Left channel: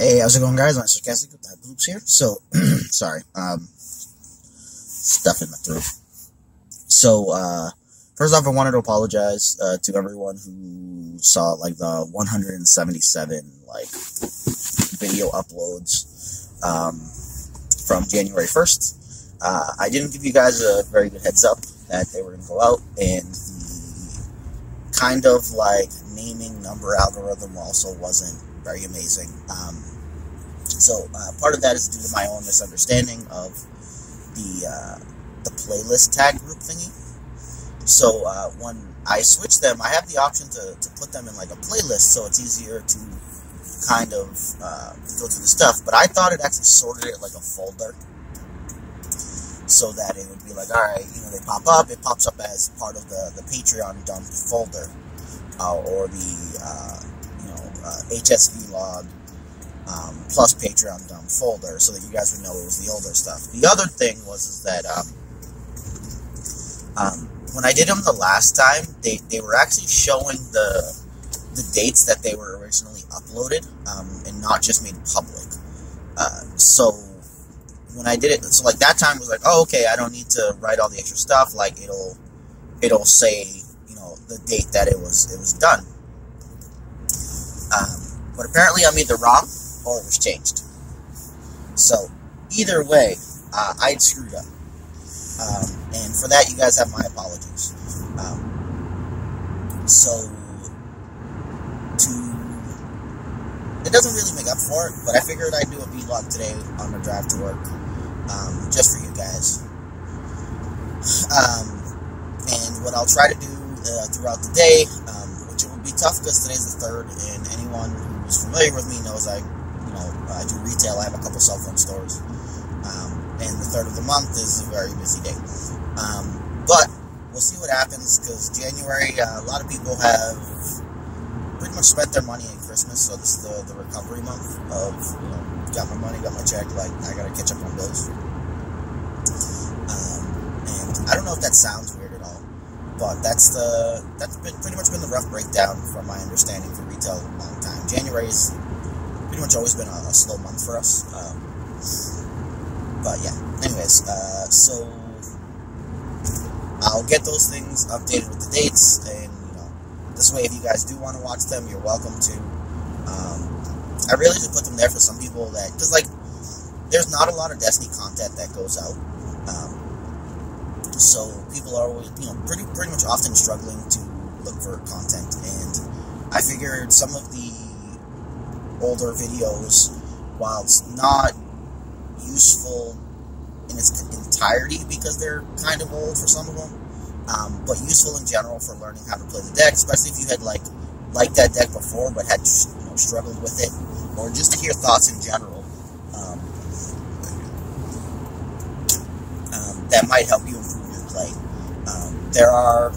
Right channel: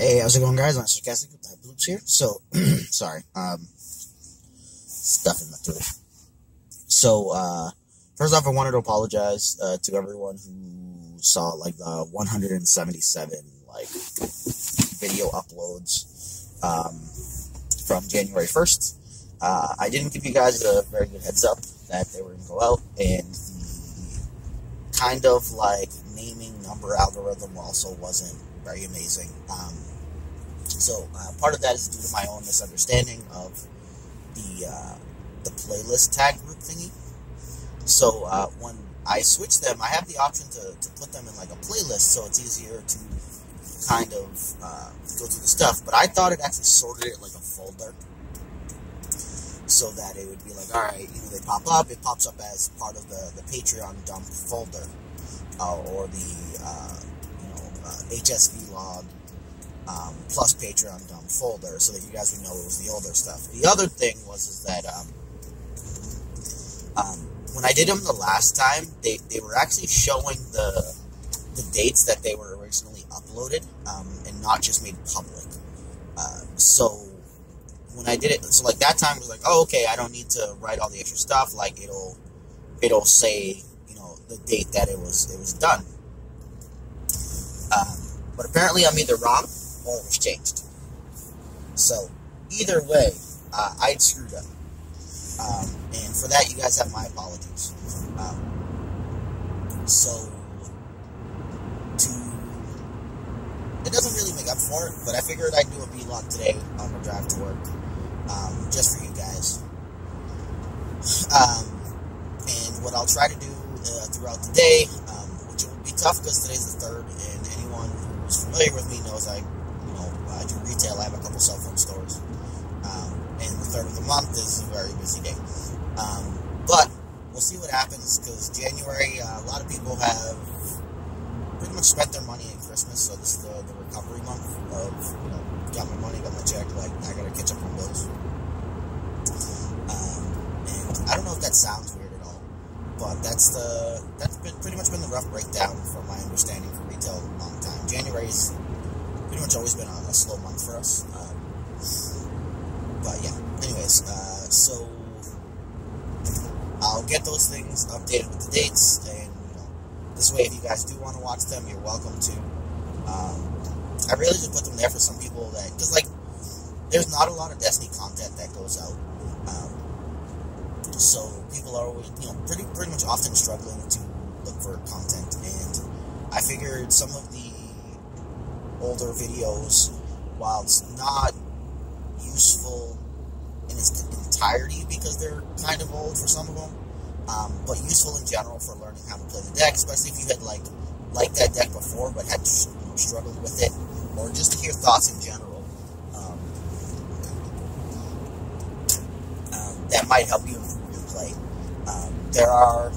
Hey, how's it going, guys? I'm Sarcastic with Type Loops here. So, sorry, stuff in my throat. So, first off, I wanted to apologize to everyone who saw like the 177 video uploads from January 1st. I didn't give you guys a very good heads up that they were going to go out, and the kind of naming number algorithm also wasn't very amazing. So part of that is due to my own misunderstanding of the playlist tag group thingy. So when I switch them, I have the option to put them in a playlist, so it's easier to kind of go through the stuff. But I thought it actually sorted it like a folder, so that it would be alright, they pop up. It pops up as part of the Patreon dump folder, or the HSV log plus Patreon dump folder, so that you guys would know it was the older stuff. The other thing was that when I did them the last time, they were actually showing the dates that they were originally uploaded, and not just made public. So when I did it, so that time it was oh, okay, I don't need to write all the extra stuff. It'll say the date that it was done. But apparently I'm either wrong or it was changed. So either way, I screwed up. And for that, you guys have my apologies. It doesn't really make up for it, but I figured I'd do a vlog today on my drive to work, just for you guys. And what I'll try to do throughout the day, which will be tough because today's the 3rd, and anyone who's familiar with me knows I do retail. I have a couple cell phone stores, and the 3rd of the month is a very busy day. But we'll see what happens, because January, a lot of people have pretty much spent their money at Christmas, so this is the recovery month of, got my money, got my check, I gotta catch up on bills. And I don't know if that sounds weird at all, but that's pretty much been the rough breakdown from my understanding for retail in a long time. January's pretty much always been a slow month for us. But yeah, anyways, so I'll get those things updated with the dates, and this way, if you guys do want to watch them, you're welcome to. I really just put them there for some people because there's not a lot of Destiny content that goes out, so people are always, pretty much often struggling to look for content, and I figured some of the older videos, while it's not useful in its entirety because they're kind of old for some of them, but useful in general for learning how to play the deck, especially if you had liked that deck before but had struggled with it, or just to hear thoughts in general, that might help you improve your play. There are,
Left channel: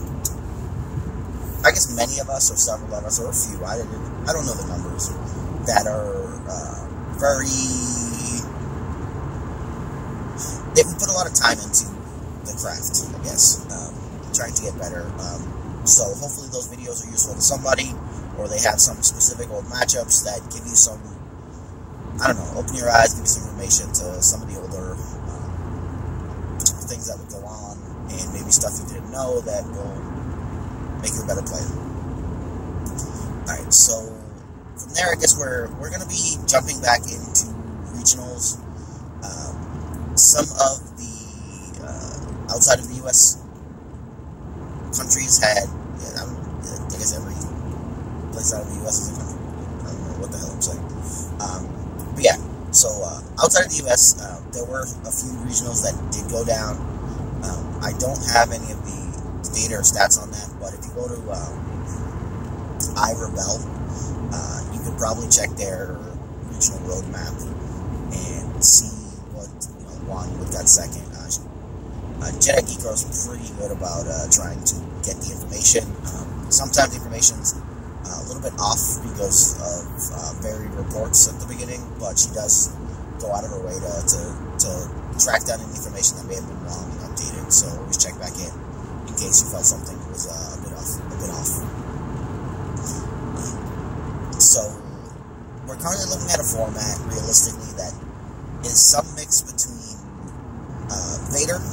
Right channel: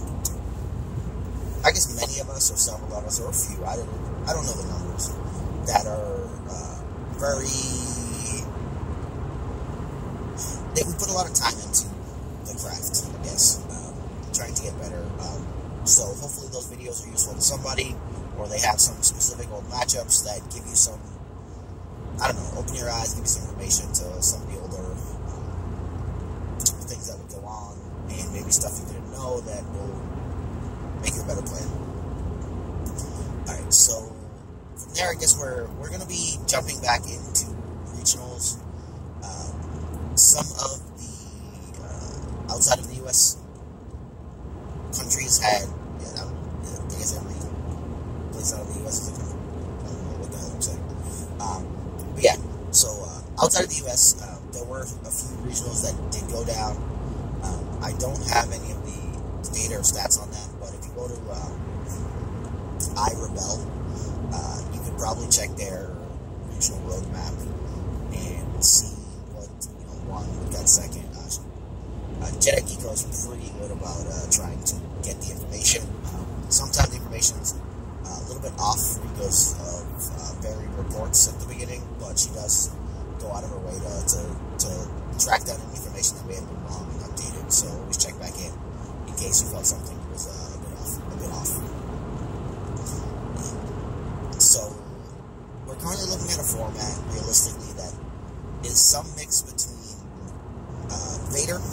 I guess, many of us, or several of us, or a few, I don't know the numbers, that are we put a lot of time into the craft, I guess, trying to get better. So hopefully those videos are useful to somebody, or they have some specific old matchups that give you some, I don't know, open your eyes, give you some information to some of the older things that would go on, and maybe stuff you didn't know that will make you a better player. Alright, so from there, I guess we're going to be jumping back into regionals. Some of the outside of the U.S. countries had, I guess every place out of the U.S. is a country. I don't know what the hell I'm saying. But yeah, so outside of the U.S., there were a few regionals that did go down. I don't have any of the data or stats on that, but if you go to iRebel, you could probably check their regional roadmap and see what won, what got second. Jedi Geeko is pretty good about trying to get the information. Sometimes the information's a little bit off because of varied reports at the beginning, but she does go out of her way to track down any information that may have been wrong and update it. So always check back in case you felt something was a bit off. So we're currently looking at a format, realistically, that is some mix between Vader,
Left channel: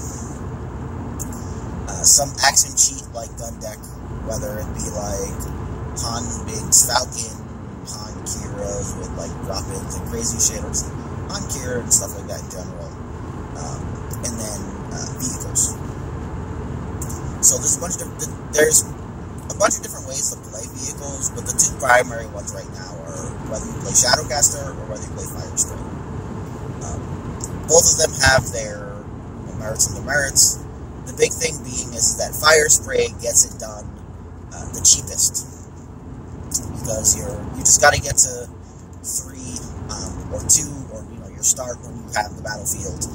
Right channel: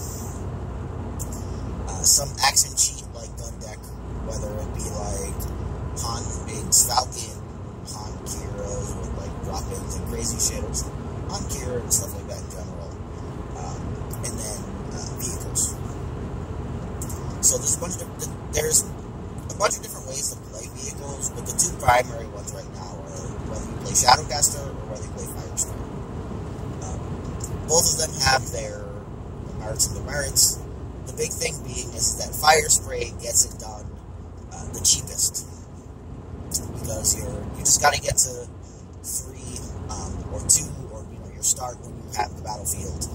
some accent cheat like gun deck, whether it be like Han Biggs Falcon, Han Kira's with like drop-ins and crazy shit, or just Han Kira and stuff like that in general, and then vehicles. So there's a bunch of different ways to play vehicles, but the two primary ones right now are whether you play Shadowcaster or whether you play Firespray. Both of them have their merits and demerits. The big thing being is that Firespray gets it done the cheapest, because you just got to get to 3 or 2, or your start when you have the battlefield,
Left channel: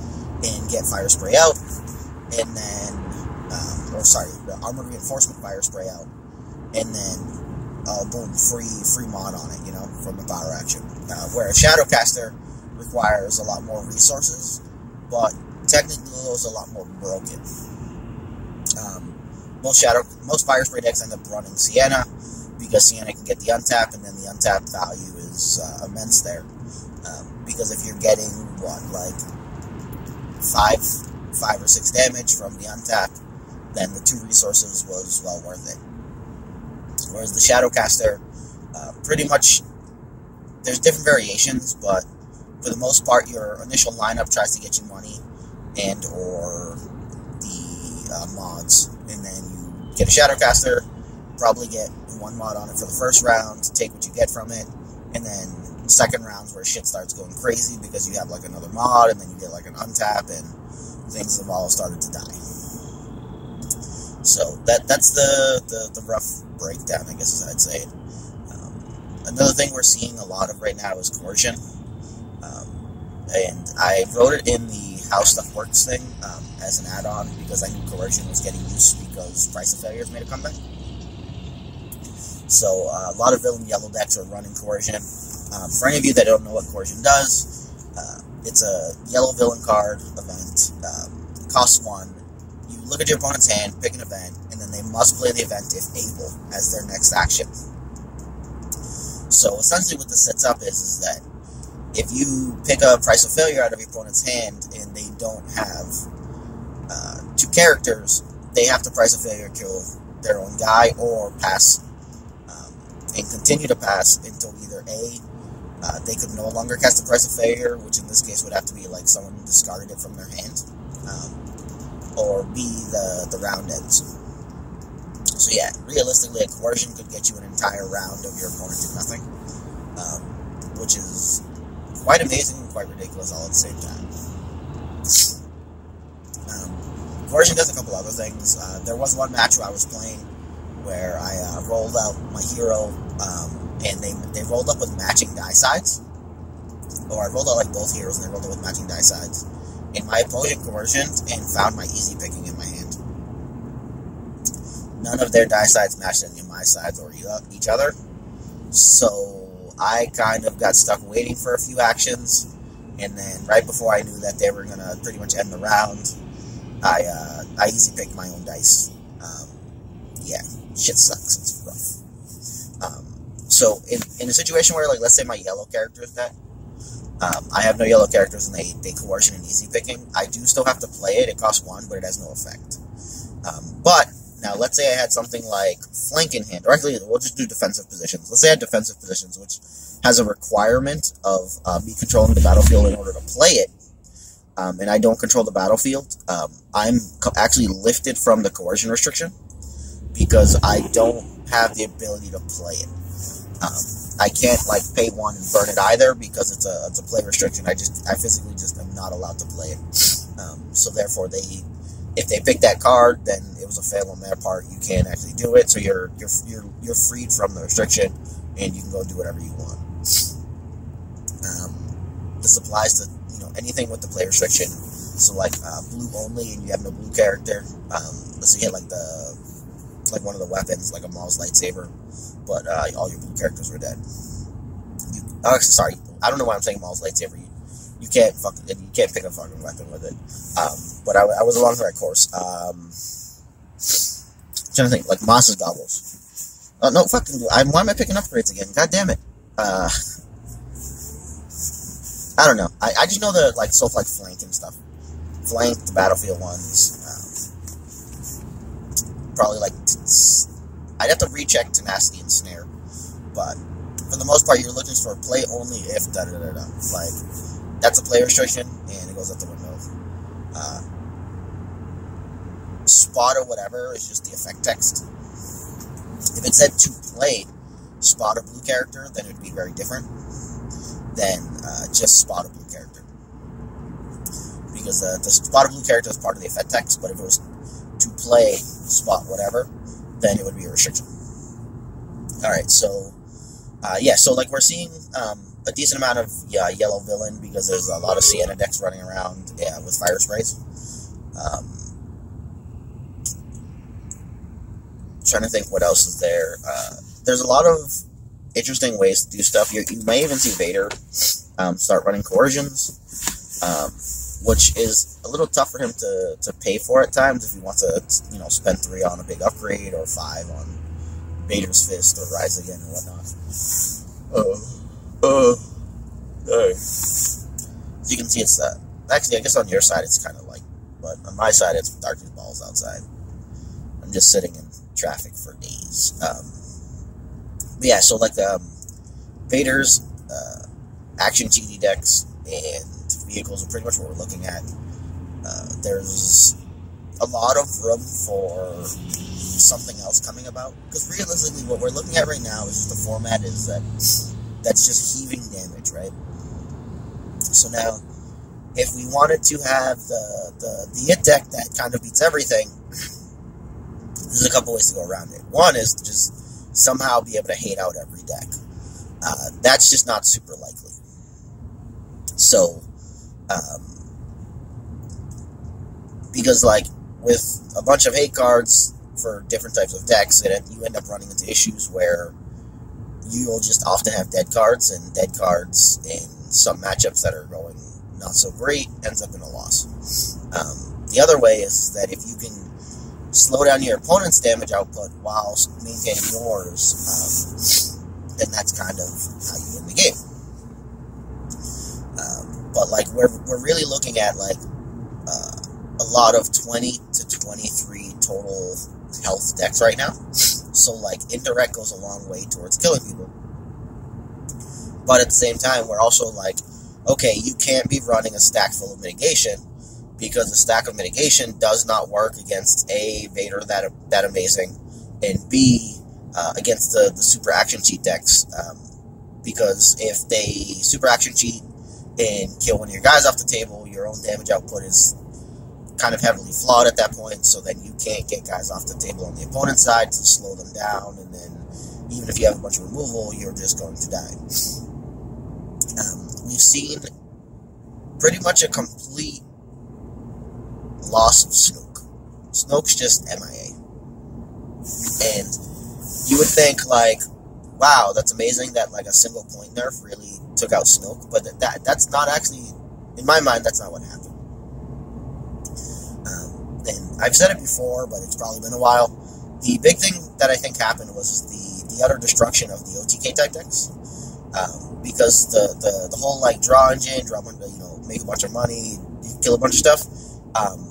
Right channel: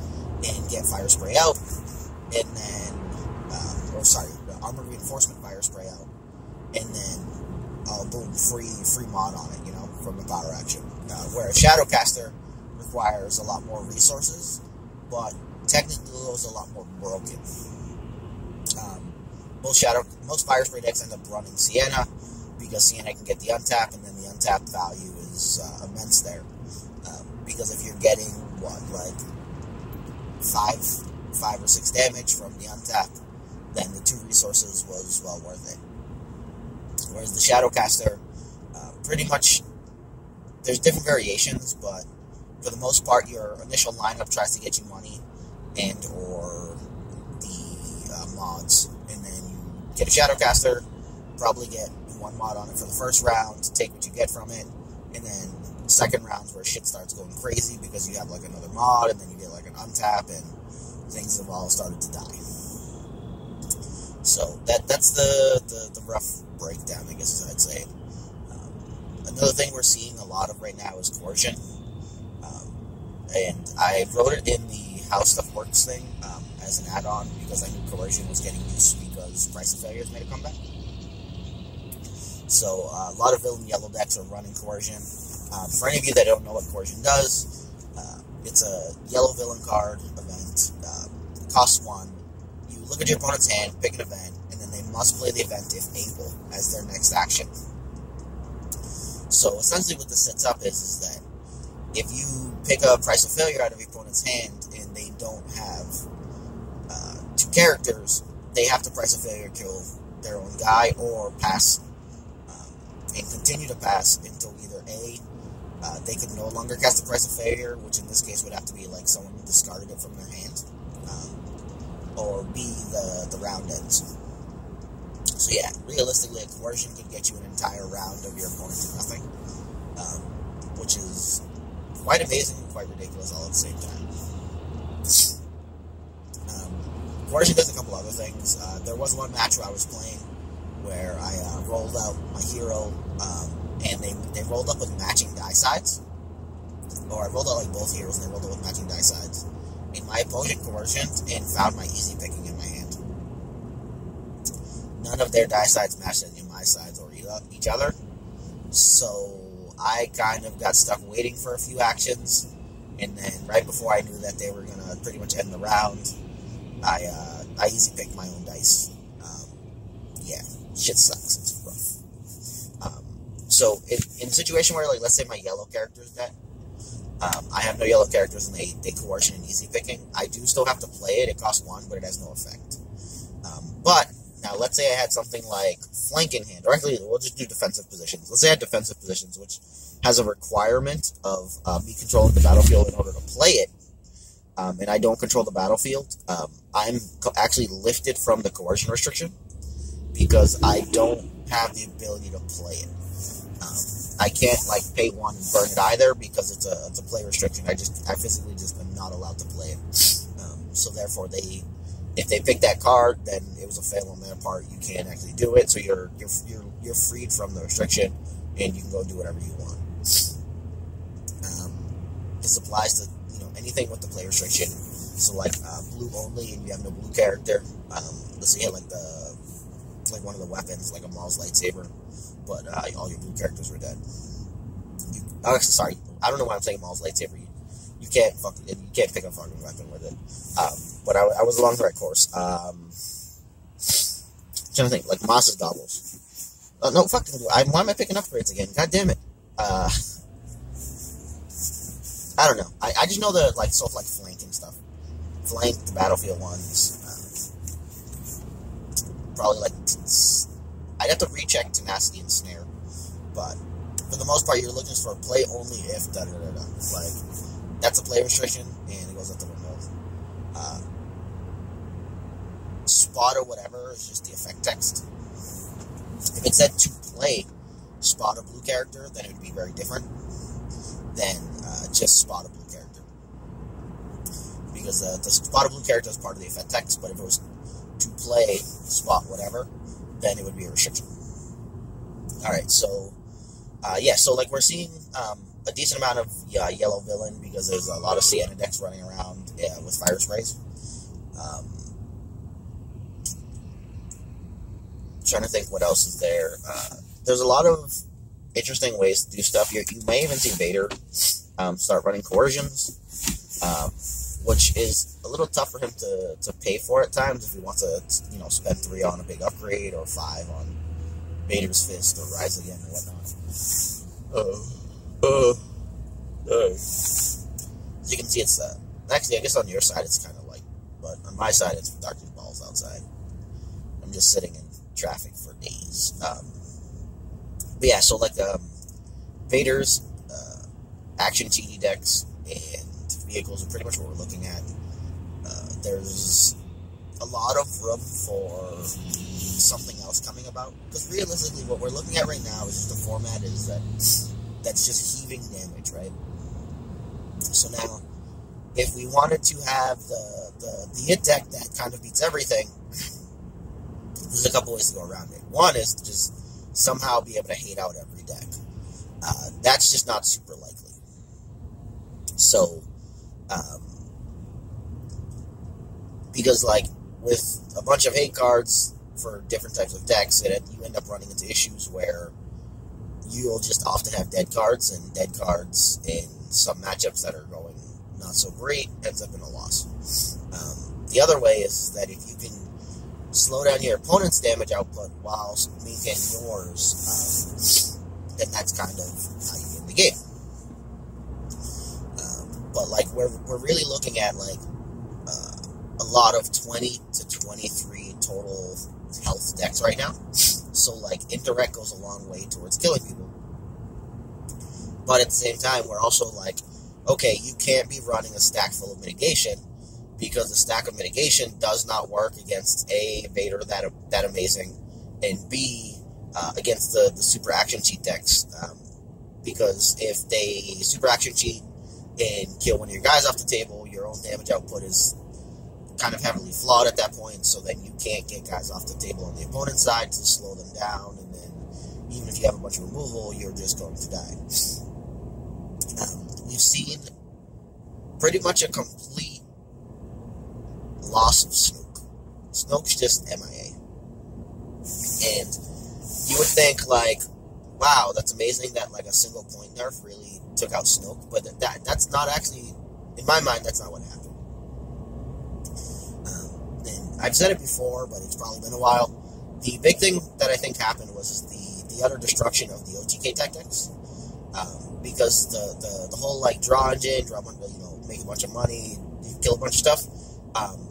and get Firespray out, and then the Armored Reinforcement Firespray out, and then boom, free mod on it, from the power action. Whereas Shadowcaster requires a lot more resources, but technically those are a lot more broken. Most Firespray decks end up running Sienna, because Sienna can get the untap, and then the untap value is immense there. Because if you're getting, like 5 or 6 damage from the untap, then the 2 resources was well worth it. Whereas the Shadowcaster, pretty much, there's different variations, but for the most part, your initial lineup tries to get you money and or the mods, and then you get a Shadowcaster, probably get 1 mod on it for the first round, take what you get from it, and then second rounds where shit starts going crazy because you have like another mod, and then you get like an untap, and things have all started to die. So that's the rough breakdown, I guess, as I'd say. Another thing we're seeing a lot of right now is coercion, and I wrote it in the How Stuff Works thing as an add-on, because I knew coercion was getting used because Price of Failures made a comeback. So a lot of villain yellow decks are running coercion. For any of you that don't know what coercion does, it's a yellow villain card event. It costs 1. You look at your opponent's hand, pick an event, and then they must play the event if able as their next action. So essentially what this sets up is that if you pick a Price of Failure out of your opponent's hand and they don't have 2 characters, they have to Price of Failure kill their own guy or pass, and continue to pass until either A, they could no longer cast a Price of Failure, which in this case would have to be like someone discarded it from their hand, or B, the round ends. So yeah, realistically, a coercion could get you an entire round of your opponent did nothing, which is quite amazing and quite ridiculous all at the same time. Coercion does a couple other things. There was one match where I was playing where I rolled out my hero, and they rolled up with matching die sides. Or I rolled out like both heroes and they rolled up with matching die sides. And my opponent coercioned and found my easy picking in my hand. None of their die sides matched any of my sides or each other. So I kind of got stuck waiting for a few actions, and then right before I knew that they were gonna pretty much end the round, I easy picked my own dice. Yeah, shit sucks. It's rough. So in a situation where, like, let's say my yellow character is dead, I have no yellow characters and they coercion and easy picking, I do still have to play it. It costs 1, but it has no effect. But now, let's say I had something like flank in hand, or actually, we'll just do defensive positions. Let's say I had defensive positions, which has a requirement of me controlling the battlefield in order to play it, and I don't control the battlefield. I'm actually lifted from the coercion restriction because I don't have the ability to play it. I can't, like, pay 1 and burn it either because it's a play restriction. I physically just am not allowed to play it. So therefore, if they pick that card, then it was a fail on their part. You can't actually do it, so you're freed from the restriction, and you can go do whatever you want. This applies to anything with the play restriction. So like blue only, and you have no blue character. Let's say you had like one of the weapons, like a Maul's lightsaber, but all your blue characters were dead. Sorry, I don't know why I'm saying Maul's lightsaber. You can't pick a fucking weapon with it. But I was along the right course. I'm trying to think, like Moss's Gobbles. No, fucking, why am I picking upgrades again? God damn it. I don't know. I just know the like stuff like flank and stuff. Flank, the battlefield ones. Probably like I'd have to recheck tenacity and snare, but for the most part, you're looking for play only if da da da da. Like that's a play restriction, and it goes out the window. Spot or whatever is just the effect text. If it said to play spot a blue character, then it would be very different than just spot a blue character. Because the spot a blue character is part of the effect text, but if it was to play spot whatever, then it would be a restriction. Alright, so, so like we're seeing a decent amount of yellow villain because there's a lot of Sienna decks running around with fire sprays. Trying to think what else is there. There's a lot of interesting ways to do stuff. You may even see Vader start running coercions, which is a little tough for him to pay for at times if he wants to, spend 3 on a big upgrade or 5 on Vader's Fist or Rise Again or whatnot. So you can see it's actually, I guess on your side it's kind of light, but on my side it's dark as balls outside. I'm just sitting in traffic for days. But yeah, so like Vader's action TD decks and vehicles are pretty much what we're looking at. There's a lot of room for something else coming about, because realistically what we're looking at right now is just the format is that's just heaving damage, right? So now if we wanted to have the hit deck that kind of beats everything, there's a couple ways to go around it. One is to just somehow be able to hate out every deck. That's just not super likely. So, because like with a bunch of hate cards for different types of decks, you end up running into issues where you'll just often have dead cards, and dead cards in some matchups that are going not so great ends up in a loss. The other way is that if you can slow down your opponent's damage output while maintaining yours, then that's kind of how you win the game. But like we're really looking at like a lot of 20 to 23 total health decks right now. So like indirect goes a long way towards killing people. But at the same time, we're also like, okay, you can't be running a stack full of mitigation, because the stack of mitigation does not work against A, Vader that amazing, and B, against the super action cheat decks. Because if they super action cheat and kill one of your guys off the table, your own damage output is kind of heavily flawed at that point, so then you can't get guys off the table on the opponent's side to slow them down, and then even if you have a bunch of removal, you're just going to die. We've seen pretty much a complete loss of Snoke. Snoke's just MIA. And you would think, like, wow, that's amazing that, like, a single point nerf really took out Snoke, but that's not actually, in my mind, that's not what happened. And I've said it before, but it's probably been a while. The big thing that I think happened was the utter destruction of the OTK type decks. Because the whole, like, draw engine, make a bunch of money, kill a bunch of stuff,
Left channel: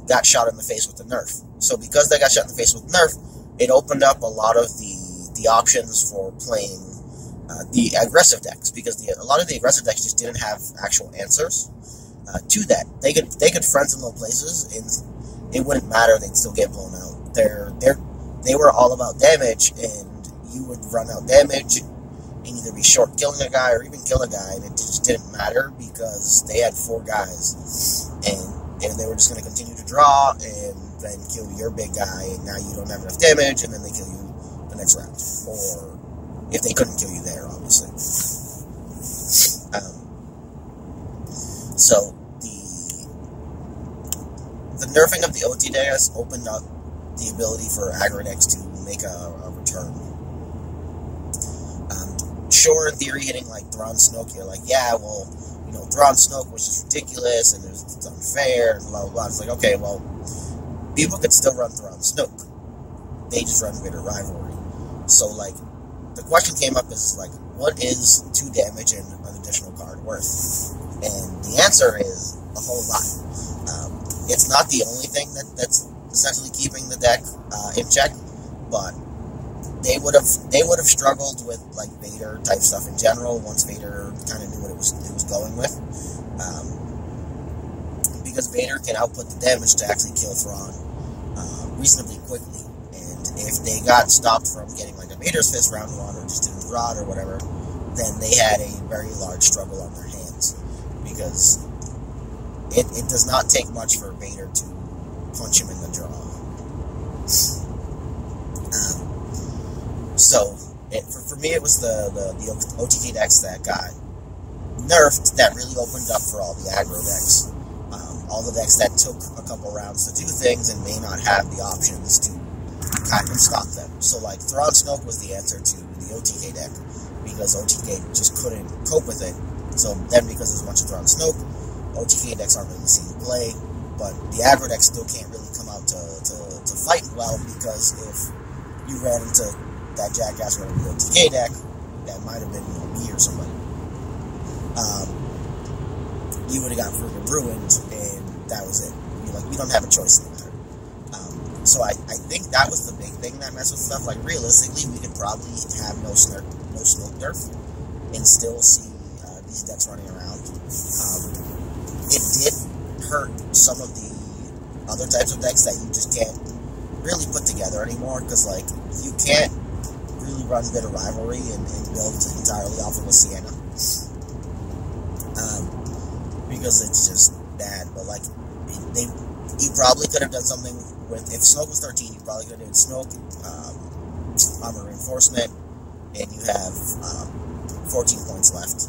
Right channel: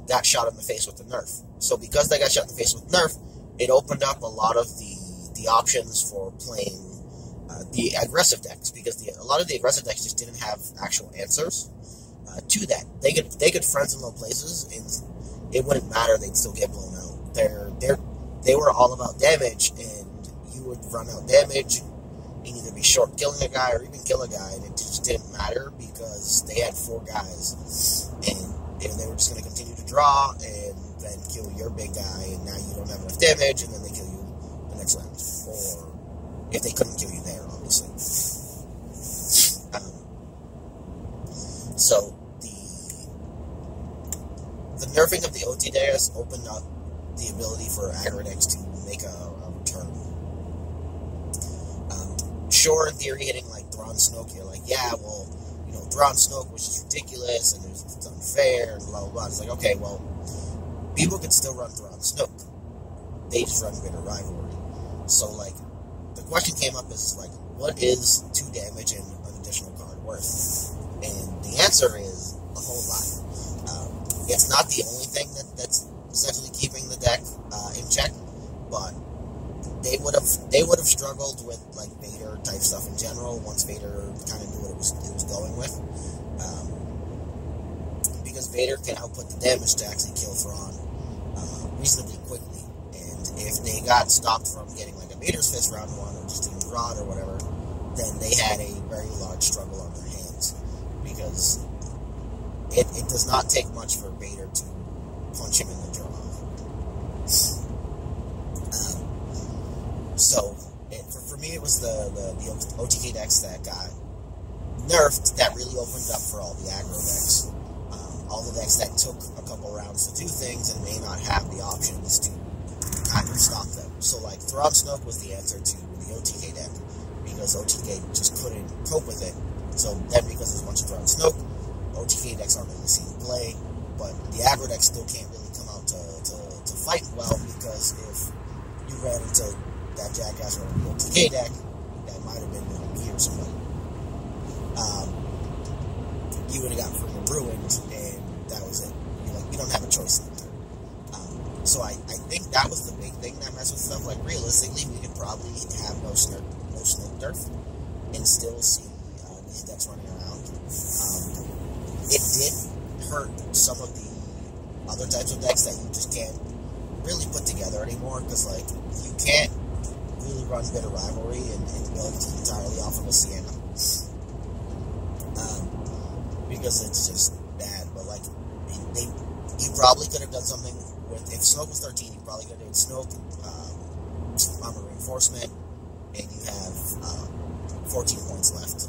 got shot in the face with the nerf. So because they got shot in the face with nerf, it opened up a lot of the options for playing the aggressive decks, because a lot of the aggressive decks just didn't have actual answers to that. They could friends in low places, and it wouldn't matter, they'd still get blown out. They were all about damage, and you would run out damage and either be short killing a guy or even kill a guy, and it just didn't matter because they had 4 guys, and they were just going to continue to draw and then kill your big guy, and now you don't have enough damage, and then they kill you the next round. Or if they couldn't kill you there, obviously. So the nerfing of the OT decks opened up the ability for aggro decks to make a return. Sure, in theory, hitting like Thrawn Snoke, you're like, yeah, well, Thrawn Snoke was just ridiculous, and it's unfair, and blah, blah, blah. It's like, okay, well, people could still run Thrawn Snoke. They just run Vader Rivalry. So, like, the question came up is, like, what is 2 damage and an additional card worth? And answer is a whole lot. It's not the only thing that's essentially keeping the deck in check, but they would have struggled with like Vader type stuff in general once Vader kind of knew what it was going with, because Vader can output the damage to actually kill Thrawn reasonably quickly, and if they got stopped from getting like a Vader's Fist round one or just didn't draw it or whatever, then they had a very large struggle on their hands, because it does not take much for Vader to punch him in the jaw. So, for me, it was the OTK decks that got nerfed that really opened up for all the aggro decks. All the decks that took a couple rounds to do things and may not have the options to kind of stop them. So, like, Thrawn Snoke was the answer to the OTK deck, because OTK just couldn't cope with it. So then, because there's a bunch of Thrawn Snoke, OTK decks aren't really seen play, but the aggro decks still can't really come out to fight well, because if you ran into that jackass running the OTK deck, that might have been me or somebody, you would have got freaking ruined, and that was it. You don't have a choice in the matter. So I think that was the big thing that messed with stuff. Like, realistically, we could probably have no Snoke Nerf and still see these decks running around. It did hurt some of the other types of decks that you just can't really put together anymore, because, like, you can't really run Bitter Rivalry and build entirely off of a Sienna. Because it's just bad. But, like, you probably could have done something with, if Snoke was 13, you probably could have done Snoke, Armor Reinforcement, and you have 14 points left.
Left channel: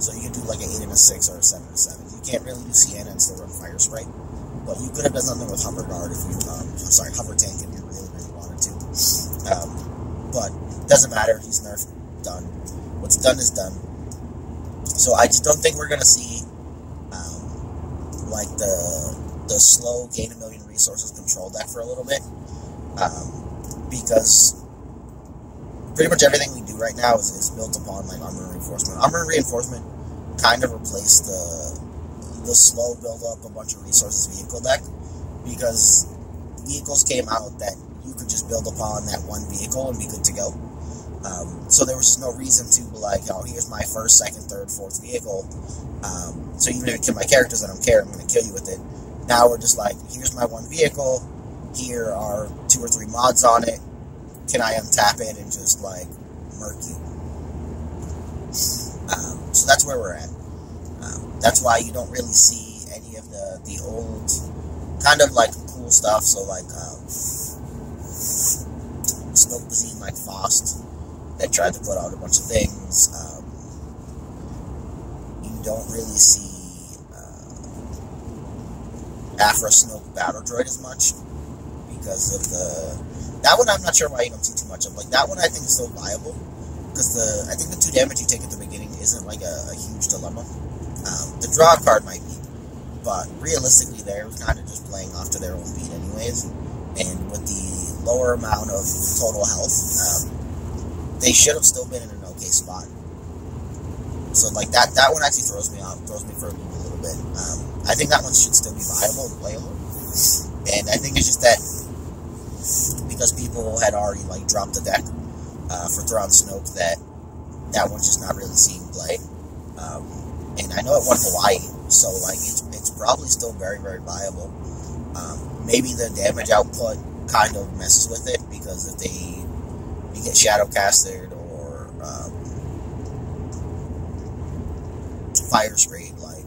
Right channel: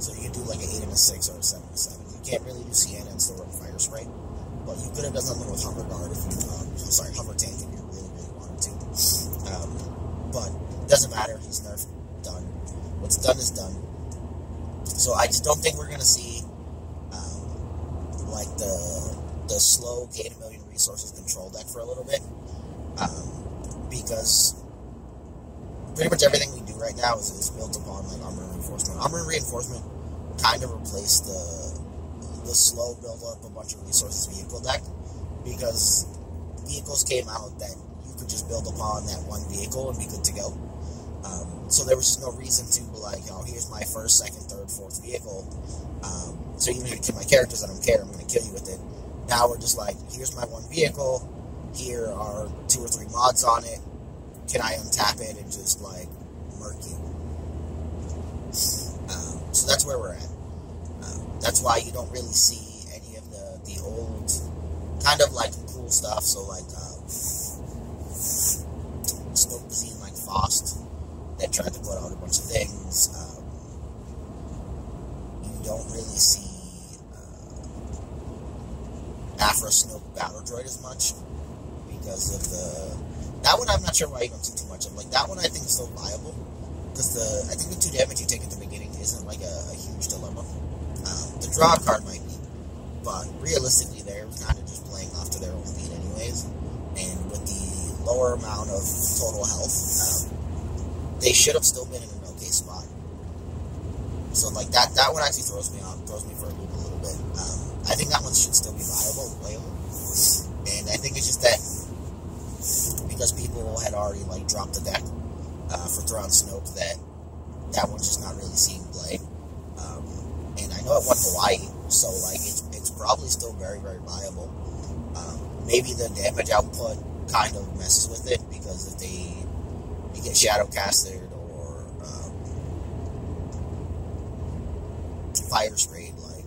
So you could do like an 8 and a 6 or a 7 and a 7. You can't really do Sienna and still run Fire Spray. But you could have done something with Hover Guard if you, Hover Tank if you really, really wanted to. But it doesn't matter. He's nerfed. Done. What's done is done. So I just don't think we're going to see like the slow gain a million resources control deck for a little bit, because pretty much everything we do right now is built upon like Armor Reinforcement. Armor Reinforcement kind of replaced the slow build up a bunch of resources vehicle deck, because vehicles came out that you could just build upon that one vehicle and be good to go. So there was just no reason to be like, oh, here's my first, second, third, fourth vehicle. So even if you kill my characters, I don't care, I'm going to kill you with it. Now we're just like, here's my one vehicle, here are 2 or 3 mods on it, can I untap it and just, like, murk you? So that's where we're at. That's why you don't really see any of the old, kind of, like, cool stuff, so, like, Snoke Bazine, like Faust, that tried to put out a bunch of things. You don't really see Afra Snoke Battle Droid as much, because of that one I'm not sure why you don't see too much of. Like, that one I think is still viable, because I think the 2 damage you take at the beginning isn't like a huge dilemma. The draw card might be, but realistically they're kind of just playing off to their own beat anyways, and with the lower amount of total health, they should have still been in an okay spot. So, like, that one actually throws me for a loop a little bit. I think that one should still be viable and playable, and I think it's just that because people had already, like, dropped the deck for Thrawn Snoke, that one's just not really seeing play. And I know it won Hawaii, so, like, it's probably still very, very viable. Maybe the damage output kind of messes with it, because if you get Shadowcasted or Fire Sprayed, like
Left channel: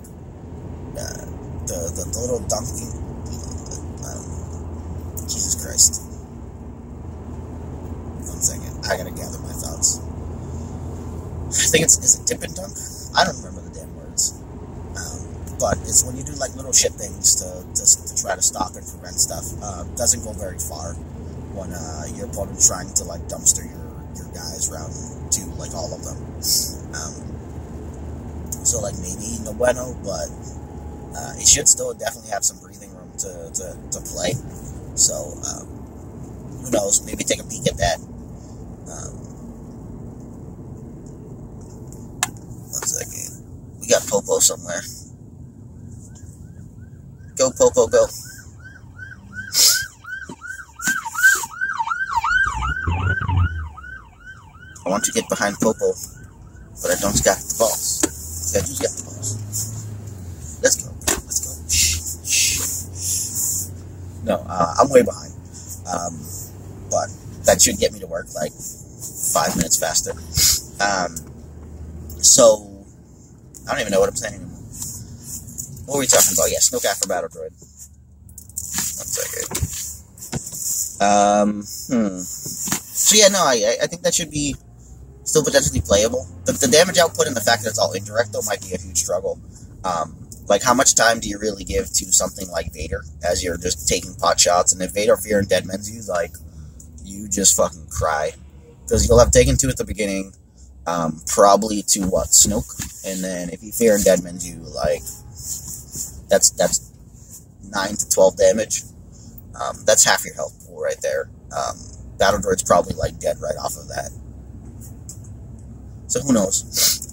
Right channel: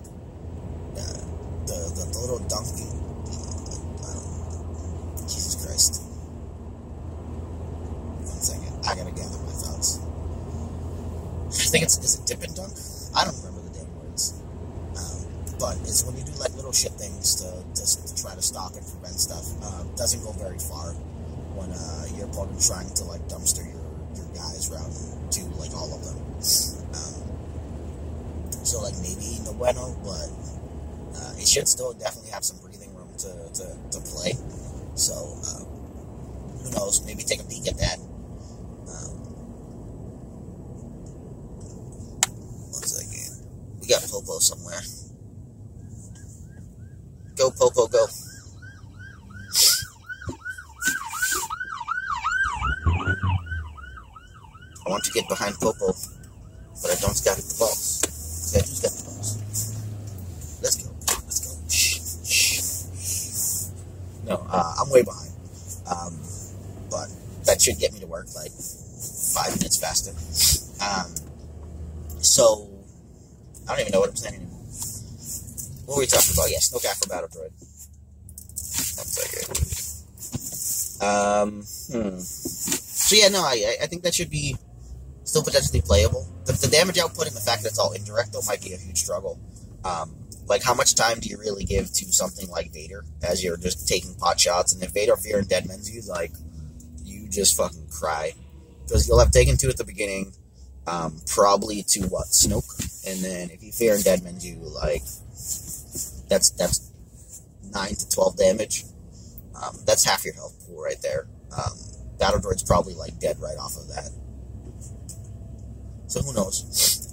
the little dunking, Jesus Christ. 1 second, I gotta gather my thoughts. I think is it dip and dunk? I don't remember the damn words. But it's when you do like little shit things to try to stop and prevent stuff. Doesn't go very far when your opponent's trying to like dumpster your guys round to like all of them. So like maybe no bueno, but it should still definitely have some breathing room to play. So who knows? Maybe take a peek at that. 1 second. We got Popo somewhere. Go, Popo, go. I want to get behind Popo, but I don't got the balls. See, I just got the balls. Let's go. Let's go. Shh. No, I'm way behind. But that should get me to work like 5 minutes faster. So, I don't even know what I'm saying anymore. What were we talking about? Yeah, Snoke Afro Battle Droid. 1 second. So yeah, no, I think that should be still potentially playable. The damage output and the fact that it's all indirect, though, might be a huge struggle. Like, how much time do you really give to something like Vader as you're just taking pot shots? And if Vader Fear and Dead Men's you, like, you just fucking cry. Because you'll have taken 2 at the beginning, probably to, Snoke? And then if you Fear and Dead Men's you, like, that's 9 to 12 damage. That's half your health pool right there. Battle Droid's probably, like, dead right off of that. So who knows?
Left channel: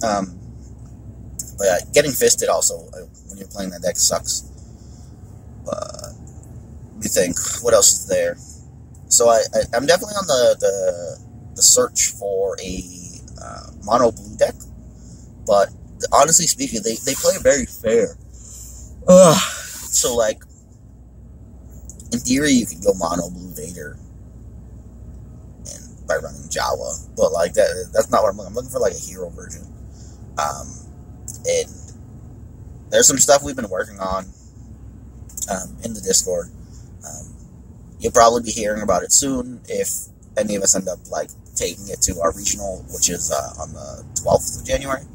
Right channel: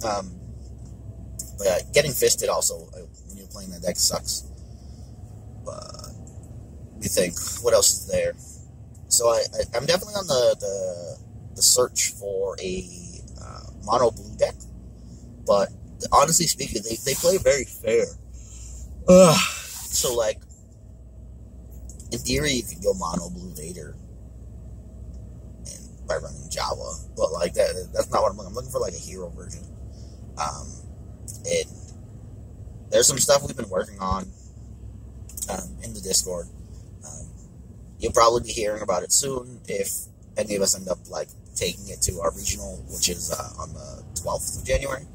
But yeah, getting fisted also, when you're playing that deck, sucks. But, let me think, what else is there? So I'm definitely on the search for a mono blue deck, but honestly speaking, they play very fair. So, like, in theory, you could go mono blue Vader and by running Jawa, but like that's not what I'm looking. I'm looking for like a hero version. And there's some stuff we've been working on in the Discord. You'll probably be hearing about it soon if any of us end up like taking it to our regional, which is on the 12th of January.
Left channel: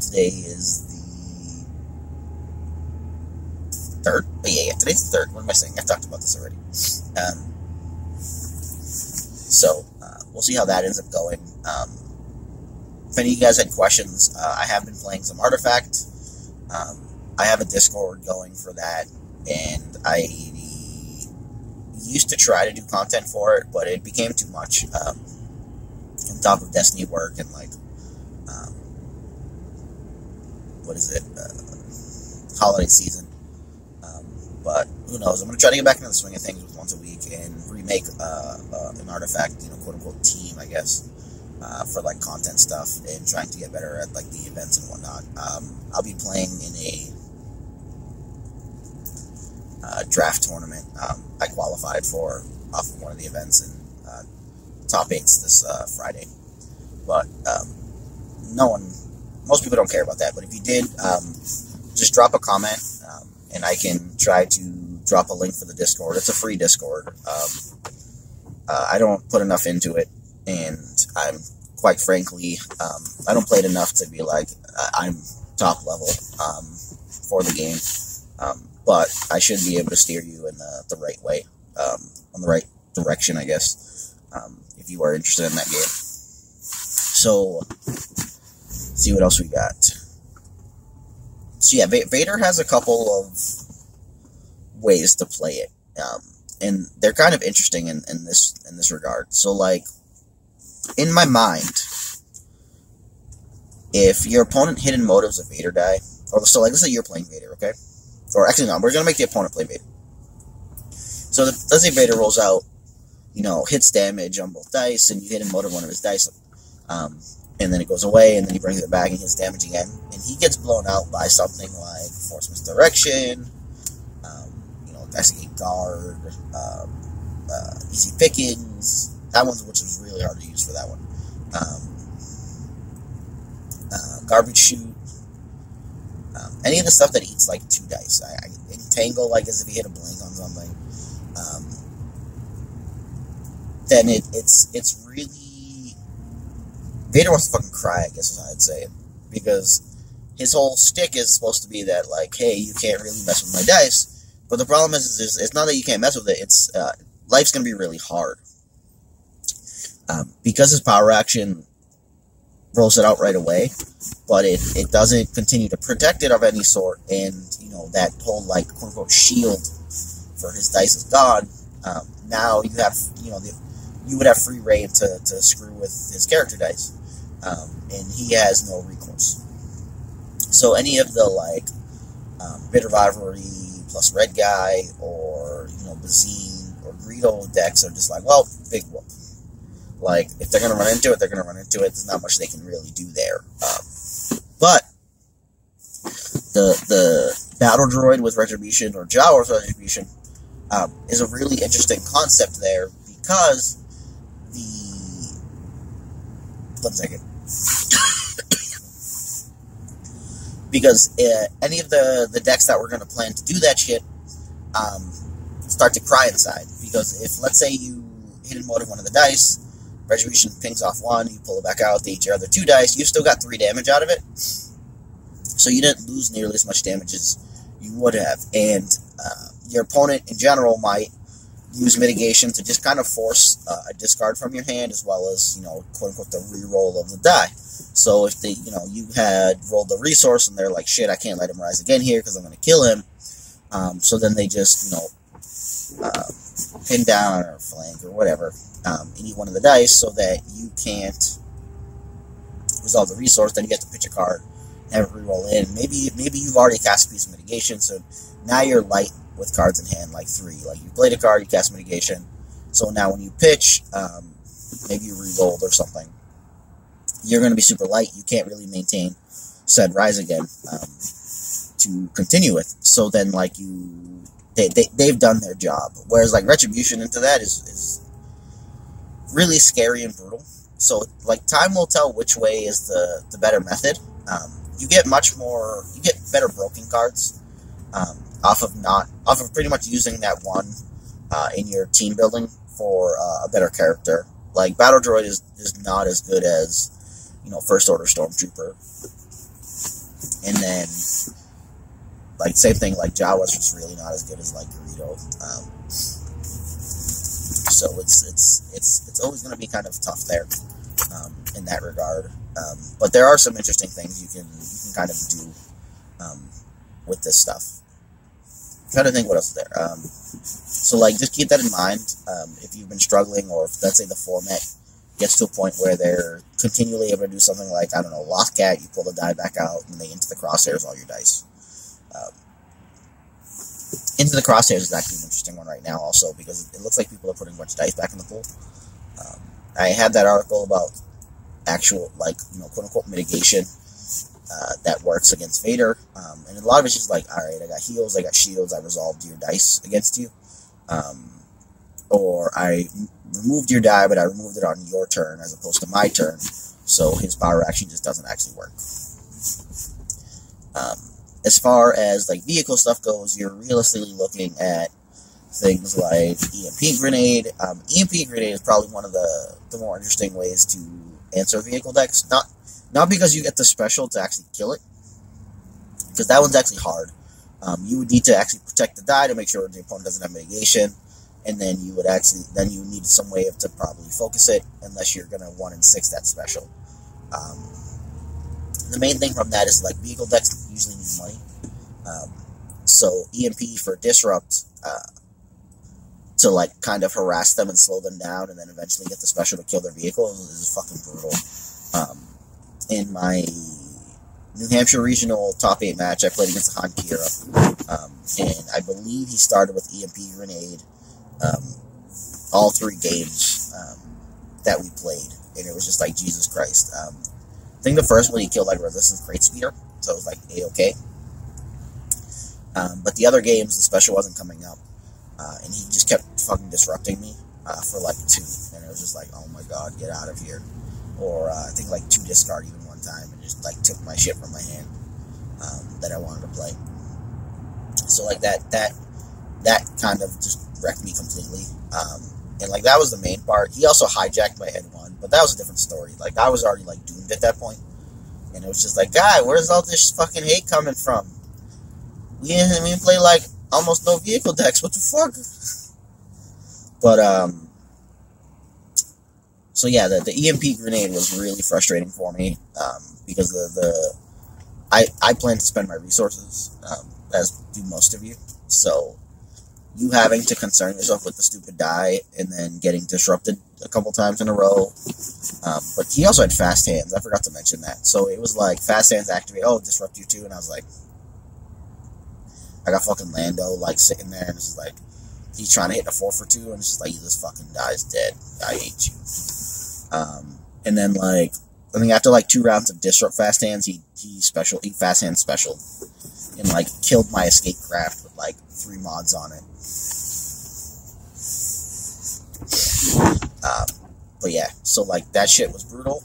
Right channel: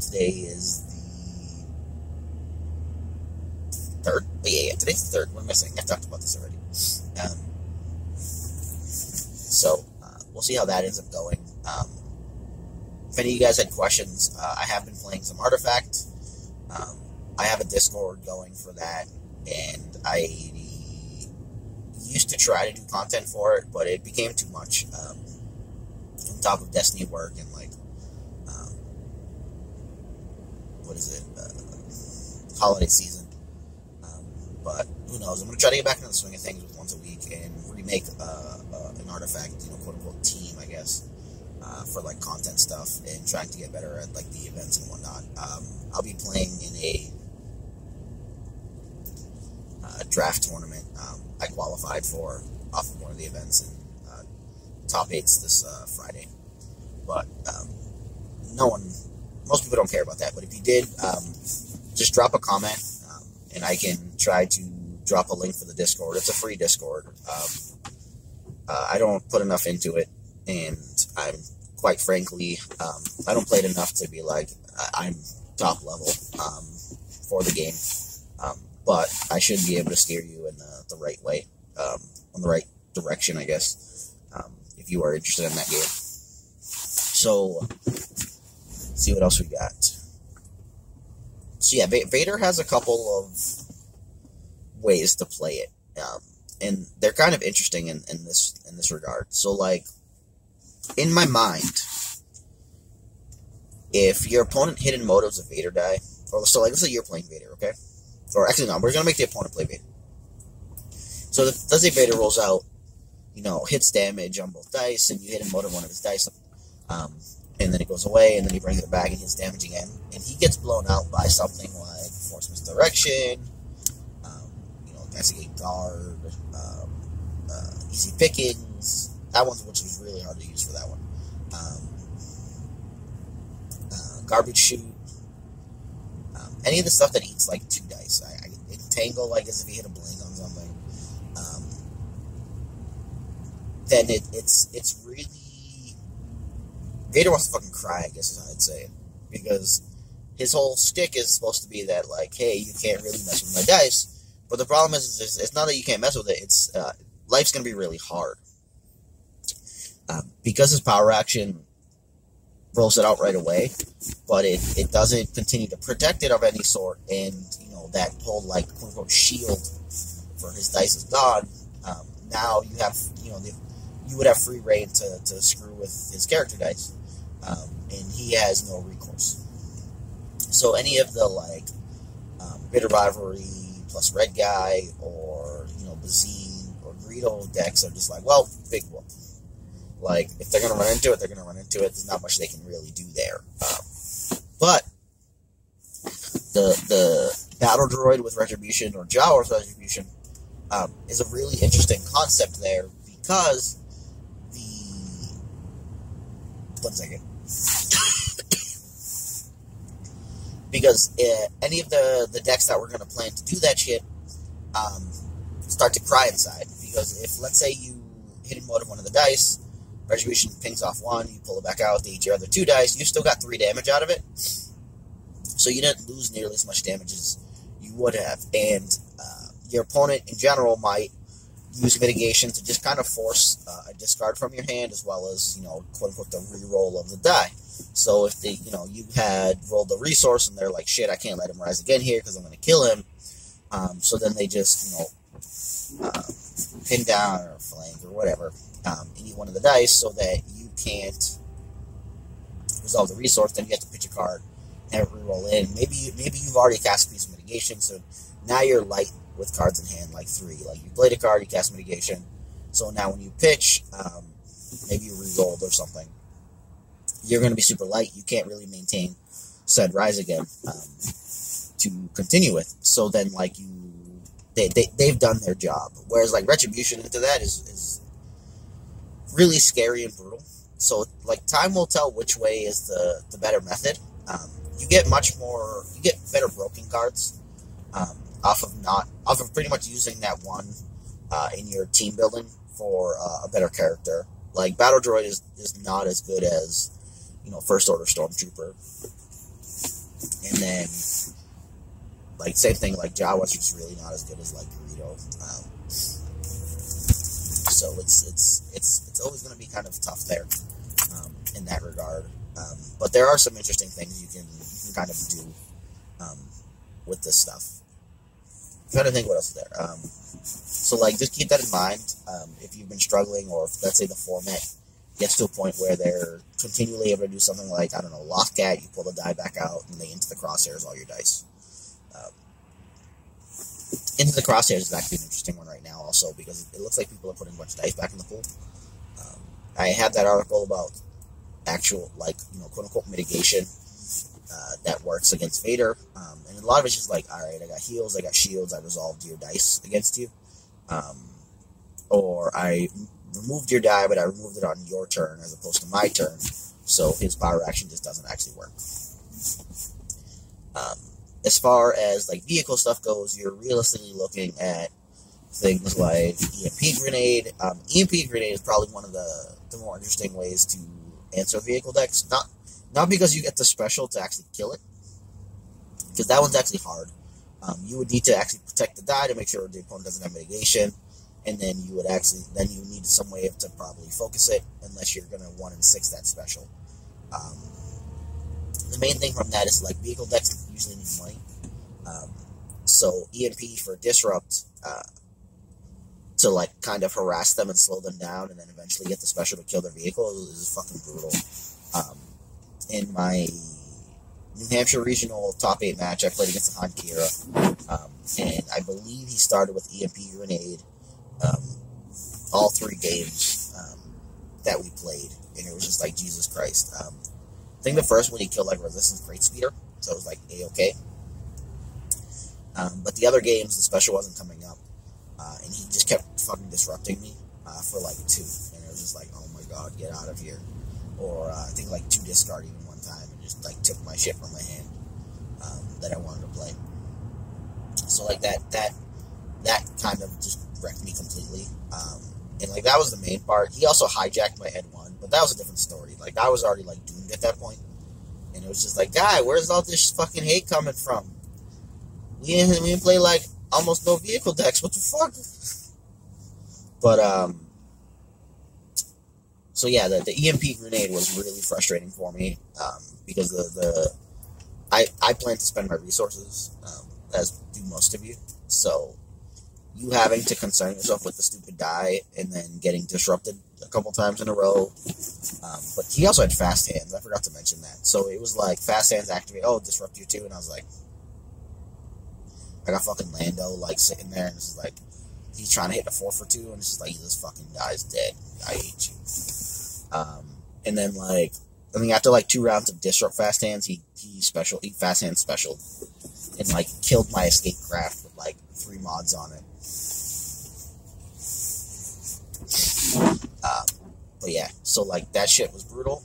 Today is the 3rd. Oh, yeah, today's the 3rd. What am I saying? I talked about this already. So we'll see how that ends up going. If any of you guys had questions, I have been playing some Artifact. I have a Discord going for that, and I used to try to do content for it, but it became too much on top of Destiny work and like holiday season. But who knows? I'm gonna try to get back into the swing of things with once a week and remake an Artifact, quote unquote team, I guess, for like content stuff and trying to get better at like the events and whatnot. I'll be playing in a draft tournament. I qualified for off of one of the events and top 8s this Friday, but most people don't care about that. But if you did, just drop a comment, and I can try to drop a link for the Discord. It's a free Discord. I don't put enough into it, and I'm quite frankly, I don't play it enough to be like I'm top level for the game. But I should be able to steer you in the right way, on the right direction, I guess, if you are interested in that game. So, let's see what else we got. So yeah, Vader has a couple of ways to play it, and they're kind of interesting in this regard. So, like, in my mind, if your opponent hidden motives of Vader die, so like let's say you're playing Vader, okay? Or actually, no, we're going to make the opponent play Vader. So, let's say Vader rolls out, hits damage on both dice, and you hit him motive one of his dice, and then it goes away, and then he brings it back and hits damage again, and he gets blown out by something like Force Misdirection, Investigate Guard, Easy Pickings, which was really hard to use for that one, Garbage Chute, any of the stuff that eats like 2 dice. I entangle like as if you hit a blink on something. Then it's really Vader wants to fucking cry, I guess is how I'd say it, because his whole shtick is supposed to be that like, hey, you can't really mess with my dice. But the problem is it's not that you can't mess with it. It's life's gonna be really hard because his power action rolls it out right away, but it doesn't continue to protect it of any sort, and that whole like quote unquote shield for his dice is gone. Now you have you would have free reign to screw with his character dice, and he has no recourse. So any of the like bitter rivalry, plus red guy, or, Bazine or Greedo decks are just like, well, big whoop. Like, if they're going to run into it, they're going to run into it. There's not much they can really do there. But the Battle Droid with Retribution, or Jawa with Retribution, is a really interesting concept there, because one second. Because any of the decks that were going to plan to do that shit start to cry inside. Because if, let's say, you hit and motive one of the dice, Retribution pings off one, you pull it back out, they eat your other 2 dice, you still got 3 damage out of it. So you didn't lose nearly as much damage as you would have. And your opponent, in general, might use mitigation to just kind of force a discard from your hand, as well as, quote-unquote, the re-roll of the die. So if you had rolled the resource, and they're like, shit, I can't let him rise again here, because I'm going to kill him. So then they just, pin down, or flank, or whatever, any one of the dice, so that you can't resolve the resource. Then you get to pitch a card, have it re-roll in. Maybe you've already cast a piece of mitigation, so now you're light with cards in hand, like 3. Like, you played a card, you cast mitigation, so now when you pitch, maybe you re-rolled or something, you're going to be super light. You can't really maintain said rise again to continue with. So then, like, they've done their job. Whereas, like, Retribution into that is really scary and brutal. So, like, time will tell which way is the better method. You get better broken cards off of pretty much using that one in your team building for a better character. Like, Battle Droid is not as good as, First Order Stormtrooper. And then, like, same thing, like, Jawa's just really not as good as, like, Greedo. So it's always going to be kind of tough there in that regard. But there are some interesting things you can kind of do with this stuff. I'm trying to think what else is there. So, like, just keep that in mind if you've been struggling, or if, let's say, the format gets to a point where they're continually able to do something like, I don't know, Lothcat, you pull the die back out, and they into the crosshairs all your dice. Into the crosshairs is actually an interesting one right now also, because it looks like people are putting a bunch of dice back in the pool. I had that article about actual, like, quote-unquote mitigation that works against Vader, and a lot of it's just like, alright, I got heals, I got shields, I resolved your dice against you, or I removed your die, but I removed it on your turn as opposed to my turn, so his power action just doesn't actually work. As far as, like, vehicle stuff goes, you're realistically looking at things like EMP Grenade. EMP Grenade is probably one of the more interesting ways to answer vehicle decks. Not because you get the special to actually kill it, because that one's actually hard. You would need to actually protect the die to make sure the opponent doesn't have mitigation, and then you need some way to probably focus it, unless you're going to 1 in 6 that special. The main thing from that is, like, vehicle decks usually need money. So EMP for Disrupt, to, like, kind of harass them and slow them down, and then eventually get the special to kill their vehicle is fucking brutal. In my New Hampshire Regional Top 8 match, I played against Han Kira, and I believe he started with EMP Grenade all 3 games that we played, and it was just like, Jesus Christ. I think the first one he killed, like, Resistance Great Speeder, so it was like A-okay. But the other games, the special wasn't coming up, and he just kept fucking disrupting me for like 2, and it was just like, oh my god, get out of here. Or I think like 2 discard even one time, and just like took my shit from my hand that I wanted to play. So like that kind of just wrecked me completely. And like that was the main part. He also hijacked my head 1, but that was a different story. Like I was already like doomed at that point, and it was just like, guy, where's all this fucking hate coming from? We play like almost no vehicle decks. What the fuck? But so yeah, the EMP Grenade was really frustrating for me because I plan to spend my resources as do most of you. So you having to concern yourself with the stupid die and then getting disrupted a couple times in a row. But he also had fast hands. I forgot to mention that. So it was like fast hands activate. Oh, disrupt you too. And I was like, I got fucking Lando, like, sitting there, and it's just like, he's trying to hit a 4 for 2, and it's just like, he just fucking dies dead. I hate you. And then, like, I think after, like, 2 rounds of Disrupt Fast Hands, he Fast Hand special, and, like, killed my Escape Craft with, like, 3 mods on it. But yeah, so, like, that shit was brutal.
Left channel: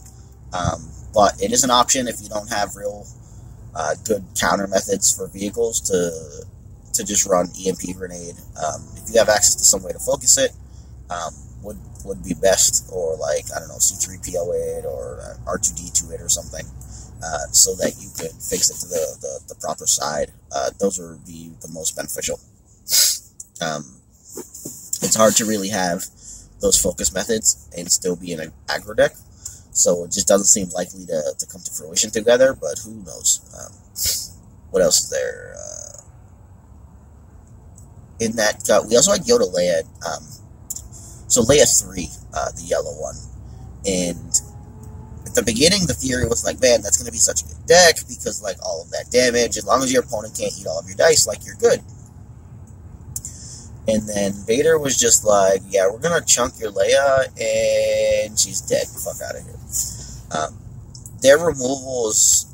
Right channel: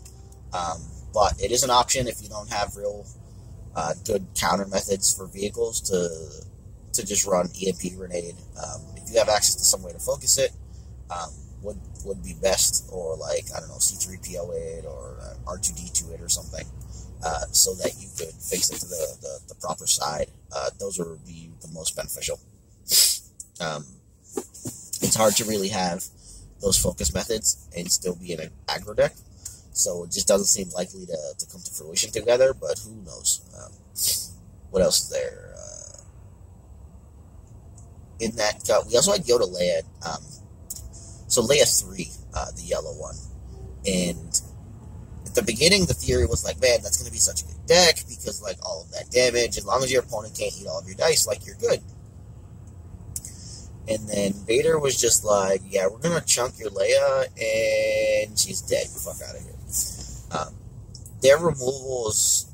But it is an option if you don't have real good counter methods for vehicles to just run EMP Grenade. If you have access to some way to focus it, would be best, or like, I don't know, C3PO it or R2D2 it or something, so that you could fix it to the proper side. Those would be the most beneficial. It's hard to really have those focus methods and still be in an aggro deck, so it just doesn't seem likely to come to fruition together, but who knows. What else is there? In that cut, we also had Yoda Leia. So Leia 3, the yellow one. And at the beginning, the theory was like, man, that's going to be such a good deck, because, like, all of that damage, as long as your opponent can't eat all of your dice, like, you're good. And then Vader was just like, yeah, we're going to chunk your Leia, and she's dead. Fuck out of here. Their removal is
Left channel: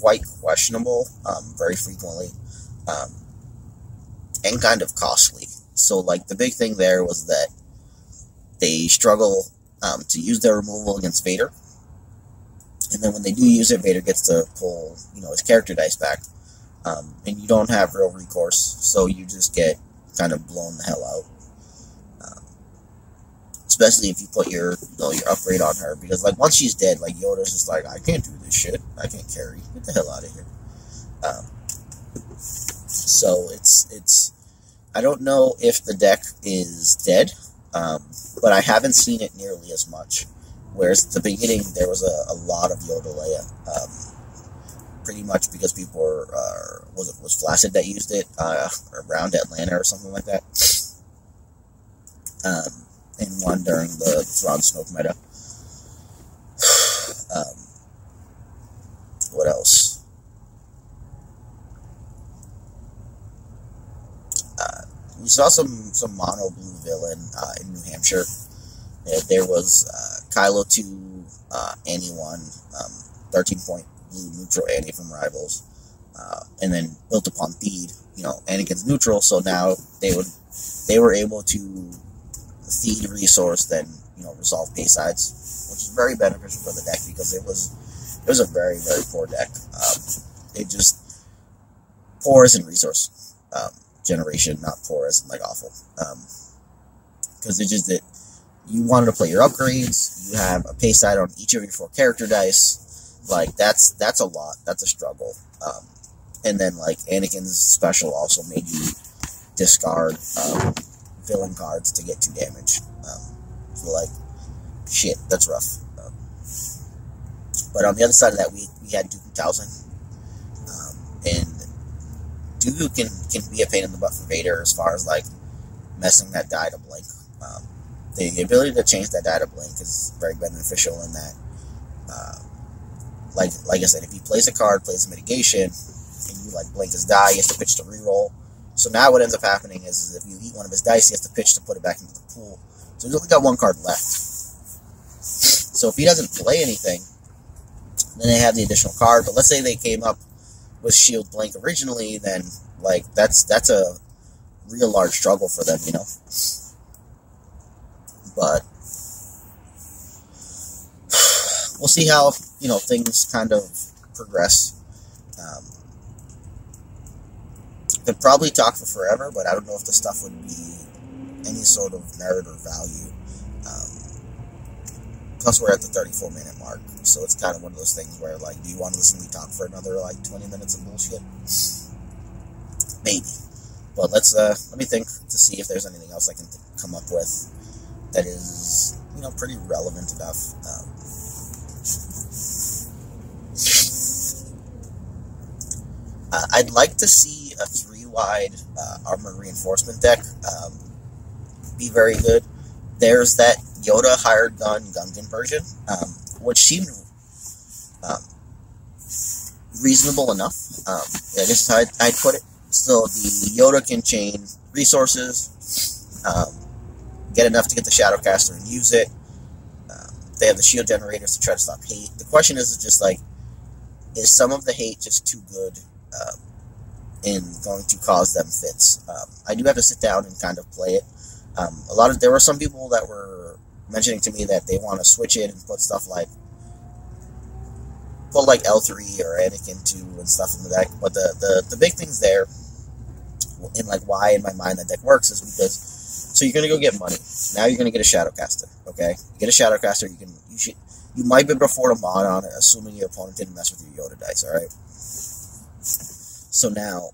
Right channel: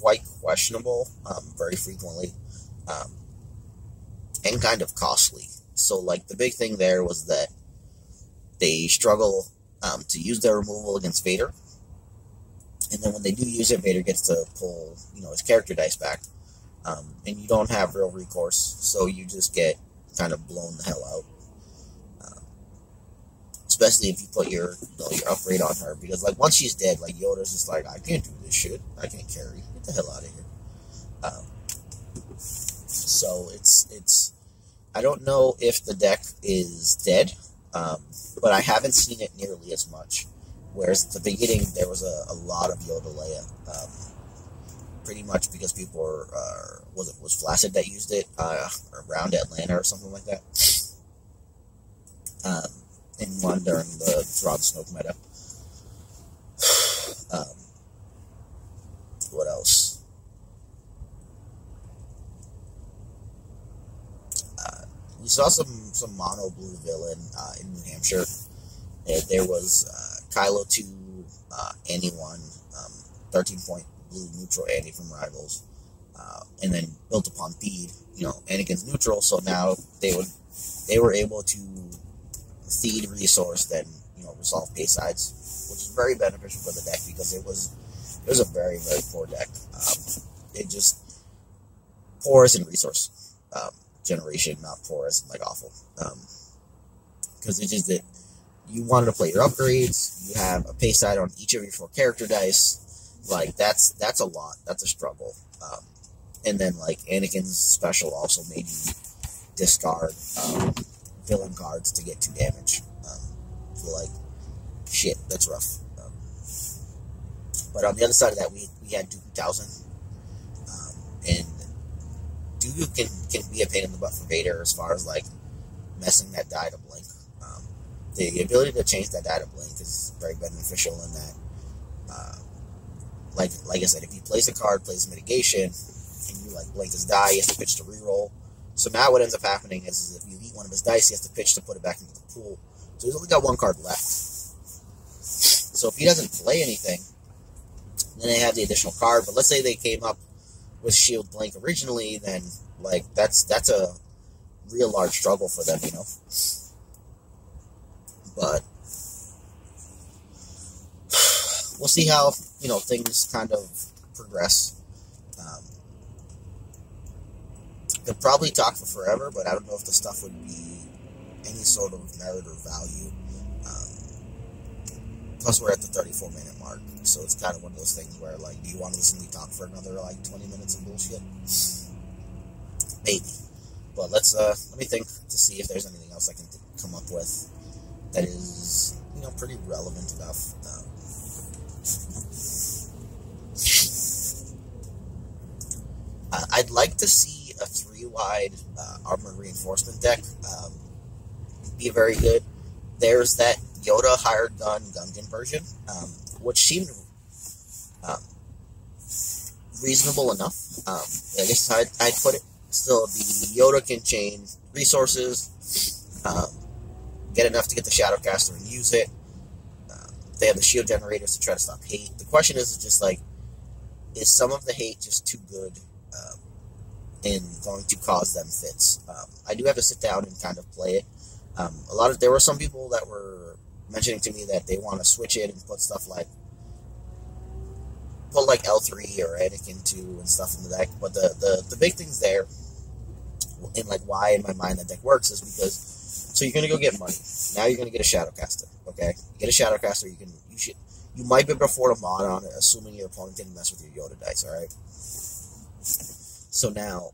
quite questionable, very frequently, and kind of costly. So, like, the big thing there was that they struggle to use their removal against Vader. And then when they do use it, Vader gets to pull, his character dice back. And you don't have real recourse, so you just get kind of blown the hell out. Especially if you put your upgrade on her, because, like, once she's dead, like, Yoda's just like, I can't do this shit. I can't carry. Get the hell out of here. So it's I don't know if the deck is dead, but I haven't seen it nearly as much. Whereas at the beginning, there was a lot of Yoda Leia, pretty much because people was Flaccid that used it around Atlanta or something like that. And one during the Thrawn Snoke meta. What else? We saw some mono blue villain in New Hampshire. There was Kylo 2, Annie 1, 13-point blue neutral Annie from Rivals, and then built upon Theed, Anakin's neutral. So now they were able to Theed resource, then resolve pay sides, which is very beneficial for the deck, because it was a very, very poor deck. It just poor as in resource generation, not poor as in, like, awful. Because it's just that you wanted to play your upgrades, you have a pay side on each of your 4 character dice. Like, that's a lot. That's a struggle. And then, like, Anakin's special also made you discard villain cards to get 2 damage. So, like, shit, that's rough. But on the other side of that, we had Dooku Townsend. And Dooku can be a pain in the butt for Vader as far as, like, messing that die to blink. The ability to change that die to blink is very beneficial in that, like I said, if he plays a card, plays a mitigation, and you, like, blink his die, he has to pitch to reroll. So now what ends up happening is if you eat one of his dice, he has to pitch to put it back into the pool. So he's only got 1 card left. So if he doesn't play anything, then they have the additional card. But let's say they came up with Shield Blink originally, then, like, that's a real large struggle for them, But we'll see how, things kind of progress. They'll probably talk for forever, but I don't know if the stuff would be any sort of merit or value. Plus, we're at the 34-minute mark, so it's kind of one of those things where, like, do you want to listen to me talk for another, like, 20 minutes of bullshit? Maybe. But let me think to see if there's anything else I can come up with that is, pretty relevant enough. I'd like to see a 3-wide armored reinforcement deck be very good. There's that Yoda hired gun Gungan version, which seemed reasonable enough. I guess is how I'd put it. So the Yoda can chain resources, get enough to get the Shadowcaster and use it. They have the shield generators to try to stop hate. The question is just like, is some of the hate just too good and going to cause them fits? I do have to sit down and kind of play it. There were some people that were mentioning to me that they want to switch it and put stuff like L3 or Anakin 2 and stuff in the deck. But the big things there, and like why in my mind that deck works, is because so you're gonna go get money. Now you're gonna get a Shadowcaster. Okay, you get a Shadowcaster. You might be able to afford a mod on it, assuming your opponent didn't mess with your Yoda dice. All right. So now,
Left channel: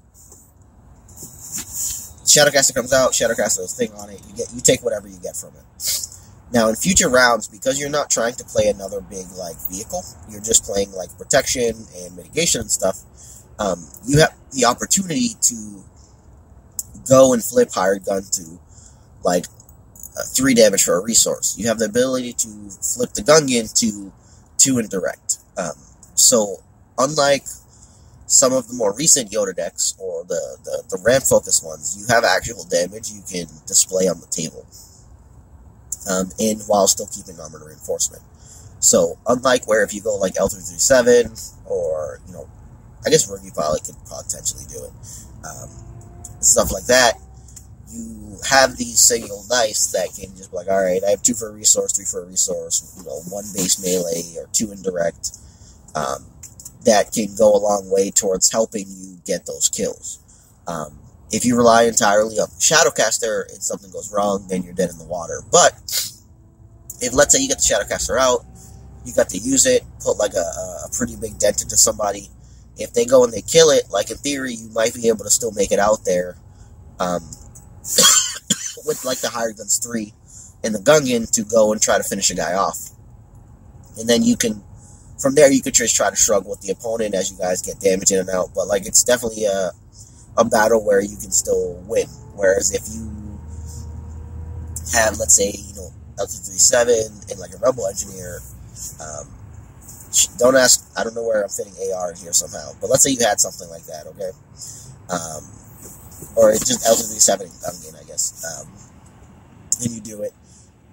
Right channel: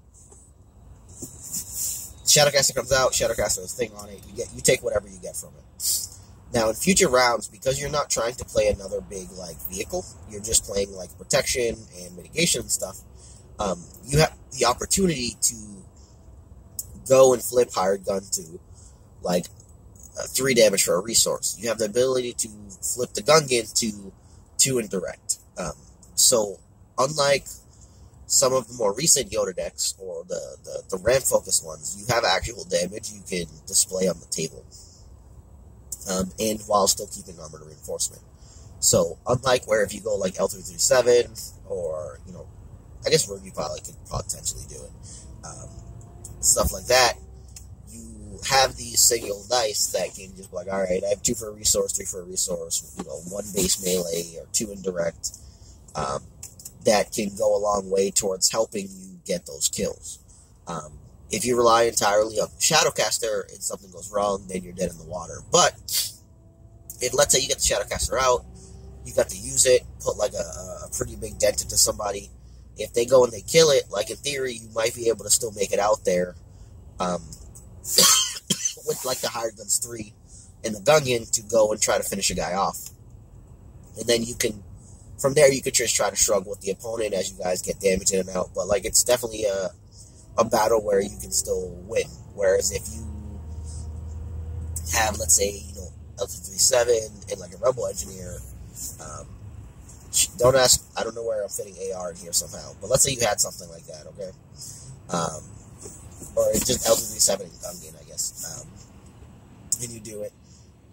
Shadowcaster comes out. Shadowcaster has a thing on it. You take whatever you get from it. Now, in future rounds, because you're not trying to play another big like vehicle, you're just playing like protection and mitigation and stuff. You have the opportunity to go and flip Hired Gun to like 3 damage for a resource. You have the ability to flip the Gungan to 2 indirect. So, unlike some of the more recent Yoda decks, or the ramp focused ones, you have actual damage you can display on the table. And while still keeping armored reinforcement. So, unlike where if you go like L337, or, I guess Rugby Pilot could potentially do it, stuff like that, you have these single dice that can just be like, alright, I have 2 for a resource, 3 for a resource, 1 base melee, or 2 indirect, that can go a long way towards helping you get those kills. If you rely entirely on Shadowcaster and something goes wrong, then you're dead in the water. But, if let's say you get the Shadowcaster out, you got to use it, put like a pretty big dent into somebody. If they go and they kill it, like in theory, you might be able to still make it out there, with like the Hired Guns 3 and the Gungan to go and try to finish a guy off. And then from there you could just try to struggle with the opponent as you guys get damage in and out. But like, it's definitely a battle where you can still win. Whereas if you have, let's say, L237 and like a Rebel Engineer, don't ask, I don't know where I'm fitting AR in here somehow, but let's say you had something like that, okay? Or just L237 and Gungan, I guess. And you do it.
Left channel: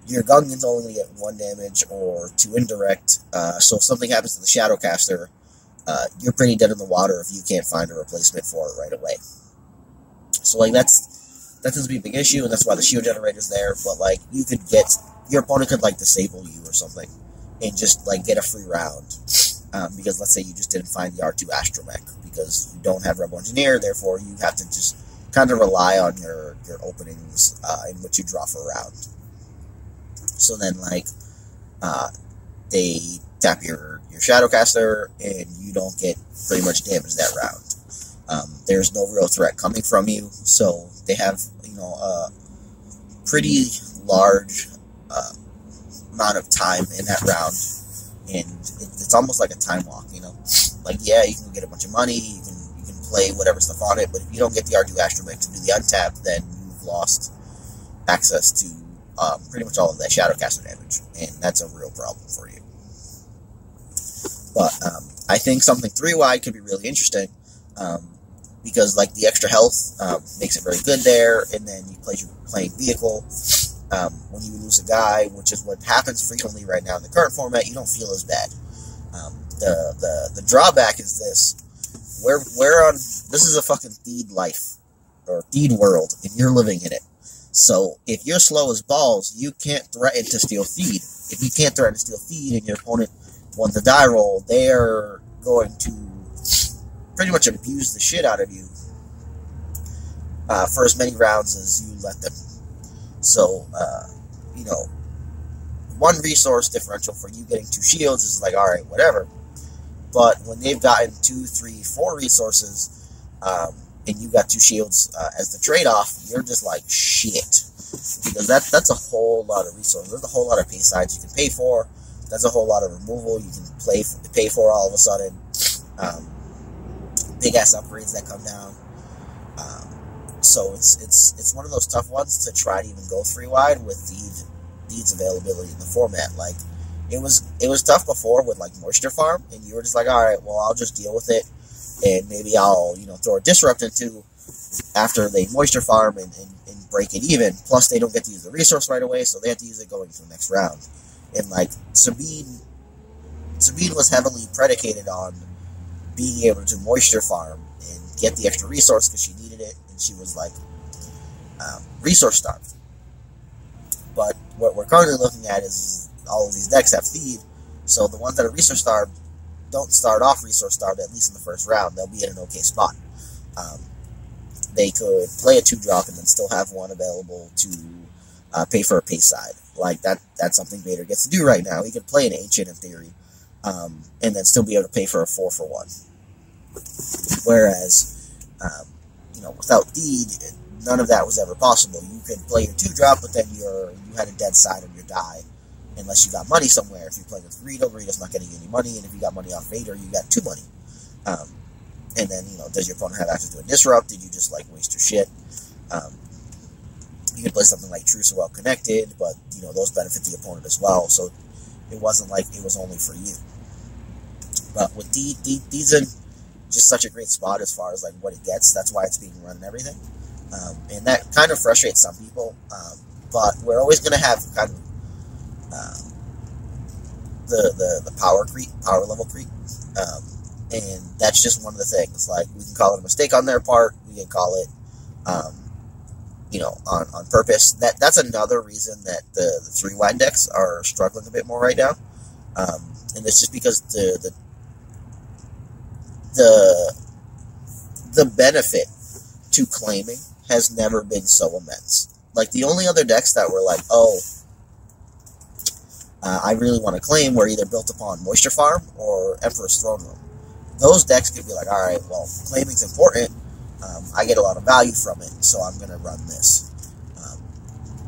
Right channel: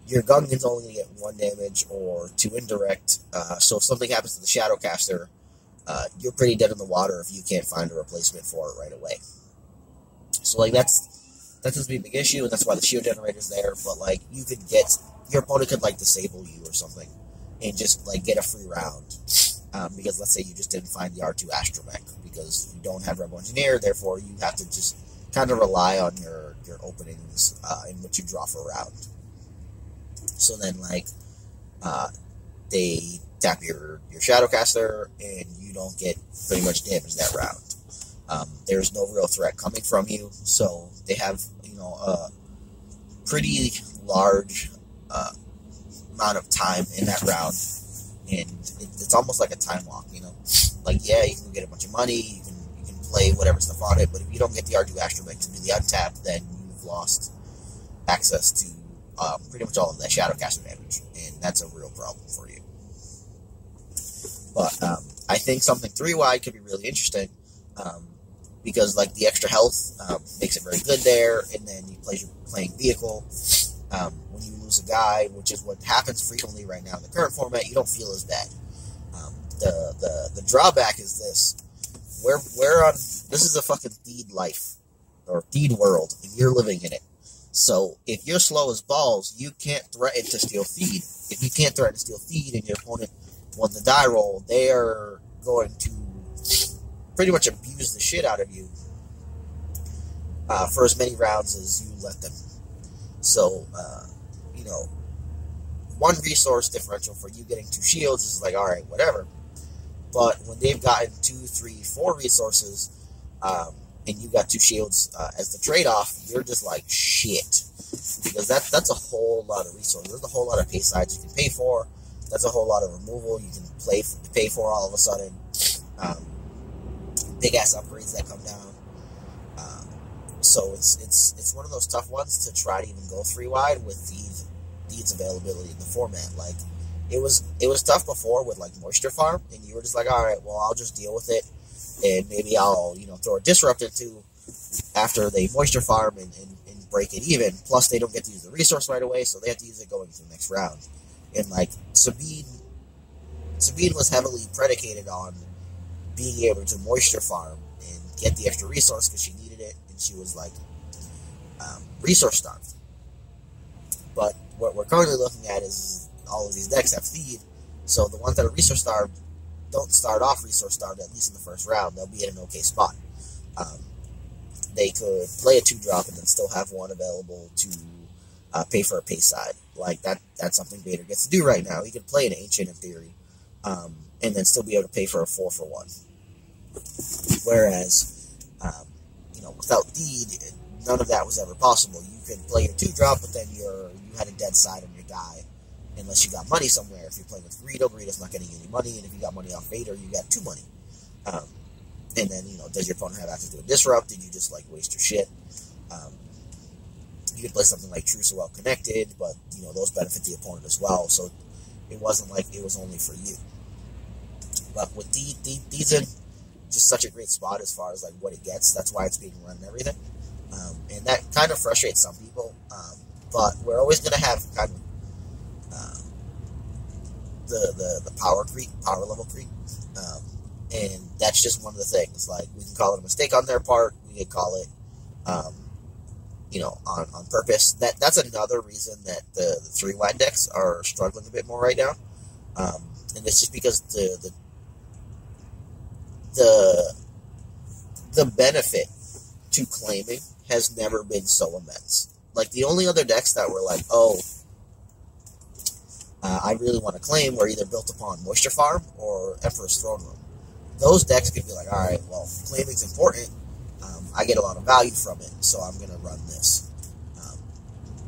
Your Gungan's only going to get 1 damage or 2 indirect, so if something happens to the Shadowcaster, you're pretty dead in the water if you can't find a replacement for it right away. So, like, that tends to be a big issue, and that's why the shield generator's there, but, like, your opponent could, like, disable you or something, and just, like, get a free round, because let's say you just didn't find the R2 Astromech, because you don't have Rebel Engineer, therefore you have to just kind of rely on your openings, in which you draw for a round. So then, like, they tap your Shadowcaster, and you don't get pretty much damage that round. There's no real threat coming from you, so they have, a pretty large amount of time in that round, and it's almost like a time walk, Like, yeah, you can get a bunch of money, you can play whatever stuff on it, but if you don't get the R2 Astromech to do the untap, then you've lost access to pretty much all of that Shadowcaster damage, and that's a real problem for you. But I think something 3-wide could be really interesting, because like the extra health makes it very good there, and then you play your playing vehicle. When you lose a guy, which is what happens frequently right now in the current format, you don't feel as bad. The drawback is this: this is a fucking Theed life, or Theed world, and you're living in it. So if you're slow as balls, you can't threaten to steal Theed. If you can't threaten to steal Theed and your opponent won the die roll, they are going to pretty much abuse the shit out of you for as many rounds as you let them. So, 1 resource differential for you getting 2 shields is like, alright, whatever. But when they've gotten 2, 3, 4 resources, and you got 2 shields as the trade-off, you're just like, shit. Because that's a whole lot of resources. There's a whole lot of pay sides you can pay for. That's a whole lot of removal you can pay for all of a sudden. Big-ass upgrades that come down. So it's one of those tough ones to try to even go 3-wide with Theed's availability in the format. Like, it was tough before with like Moisture Farm, and you were just like, alright, well, I'll just deal with it, and maybe I'll throw a Disrupt into after they moisture farm and break it even. Plus, they don't get to use the resource right away, so they have to use it going to the next round. And like Sabine was heavily predicated on being able to moisture farm and get the extra resource because she needed it, and she was like resource starved. But what we're currently looking at is all of these decks have feed, so the ones that are resource starved don't start off resource starved, at least in the first round. They'll be in an okay spot. They could play a 2-drop and then still have one available to pay for a pace side. Like, that's something Vader gets to do right now. He could play an Ancient in theory, and then still be able to pay for a 4-for-1. Whereas, without Deed, none of that was ever possible. You could play your 2-drop, but then you had a dead side on your die, unless you got money somewhere. If you're playing with Greedo, Greedo's not getting any money, and if you got money off Vader, you got 2 money. And then, does your opponent have access to a disrupt? Did you just, waste your shit? You could play something like True So Well Connected, but, those benefit the opponent as well, so it wasn't like it was only for you. But with Deed's in just such a great spot as far as, what it gets. That's why it's being run and everything. And that kind of frustrates some people, but we're always going to have kind of the power level creep. And that's just one of the things. We can call it a mistake on their part. We can call it, on purpose. That's another reason that the 3-wide decks are struggling a bit more right now. And it's just because the benefit to claiming has never been so immense. The only other decks that were I really want to claim were either built upon Moisture Farm or Emperor's Throne Room. Those decks could be alright, well, claiming's important, I get a lot of value from it, so I'm going to run this.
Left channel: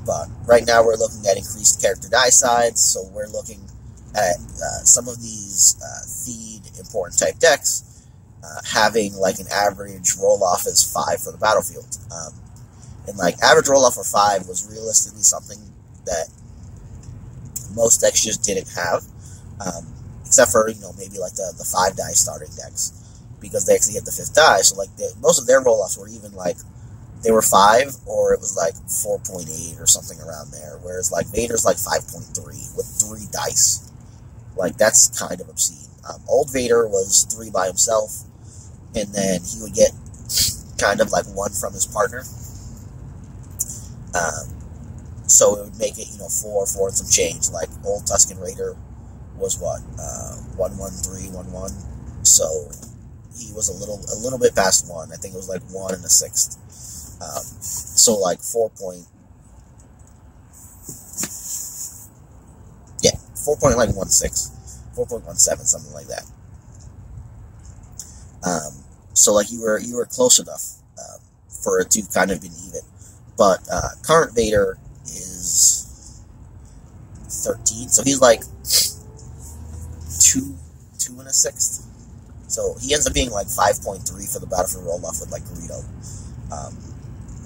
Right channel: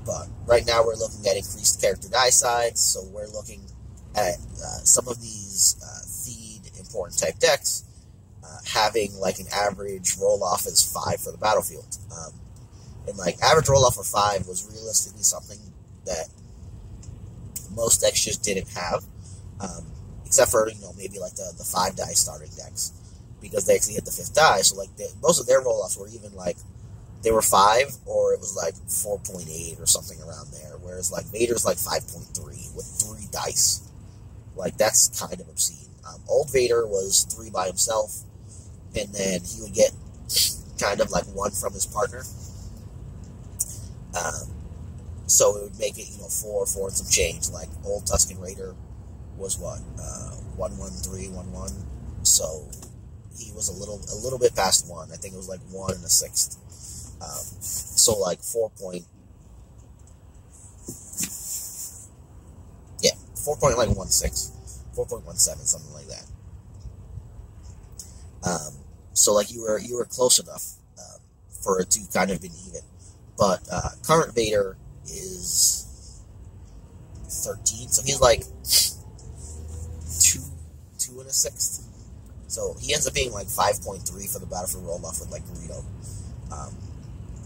But right now we're looking at increased character die sides, so we're looking at some of these feed important type decks having an average roll-off as 5 for the battlefield. And average roll-off of 5 was realistically something that most decks just didn't have. Except for, maybe the 5 die starting decks, because they actually hit the 5th die, so most of their roll-offs were even they were 5, or it was 4.8 or something around there, whereas Vader's 5.3 with 3 dice. That's kind of obscene. Old Vader was 3 by himself, and then he would get kind of 1 from his partner. So it would make it, 4 and some change. Old Tusken Raider was what? 1-1-3-1-1. So he was a little bit past 1. I think it was 1 and a 6th. So 4.16, yeah, 4.17, something like that. So you were close enough for it to kind of be even. But current Vader is 13, so he's 2 and a 6th. So he ends up being 5.3 for the battlefield roll-off with Greedo.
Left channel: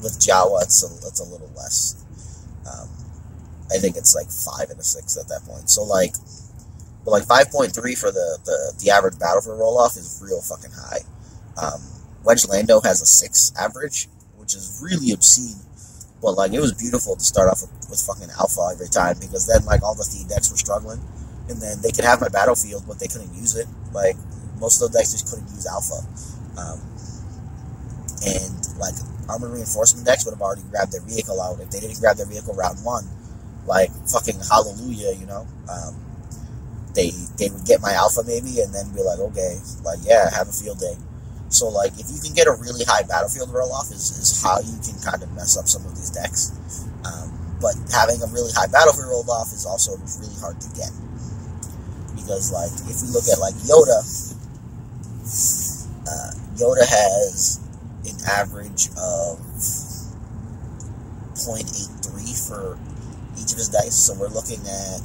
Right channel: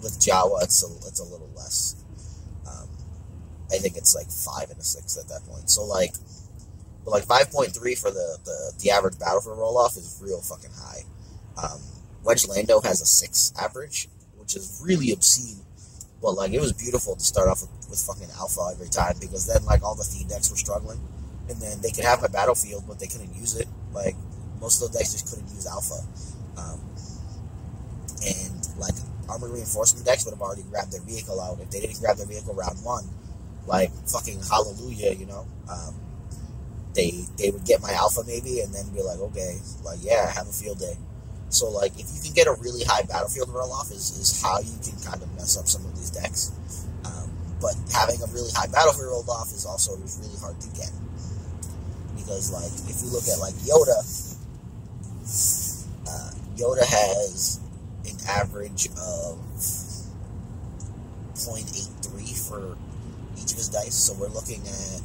With Jawa, it's a little less. I think it's 5 and a 6th at that point. So but 5.3 for the average battlefield roll-off is real fucking high. Wedge Lando has a 6 average, which is really obscene. But it was beautiful to start off with fucking Alpha every time, because then all the Theed decks were struggling. And then they could have my battlefield, but they couldn't use it. Most of the decks just couldn't use Alpha. And armor reinforcement decks would have already grabbed their vehicle out. If they didn't grab their vehicle round 1, fucking hallelujah, They would get my Alpha maybe, and then be okay, yeah, have a field day. So, if you can get a really high battlefield roll-off is how you can kind of mess up some of these decks. But having a really high battlefield roll-off is also really hard to get. Because, if we look at, Yoda, Yoda has an average of 0.83 for each of his dice. So we're looking at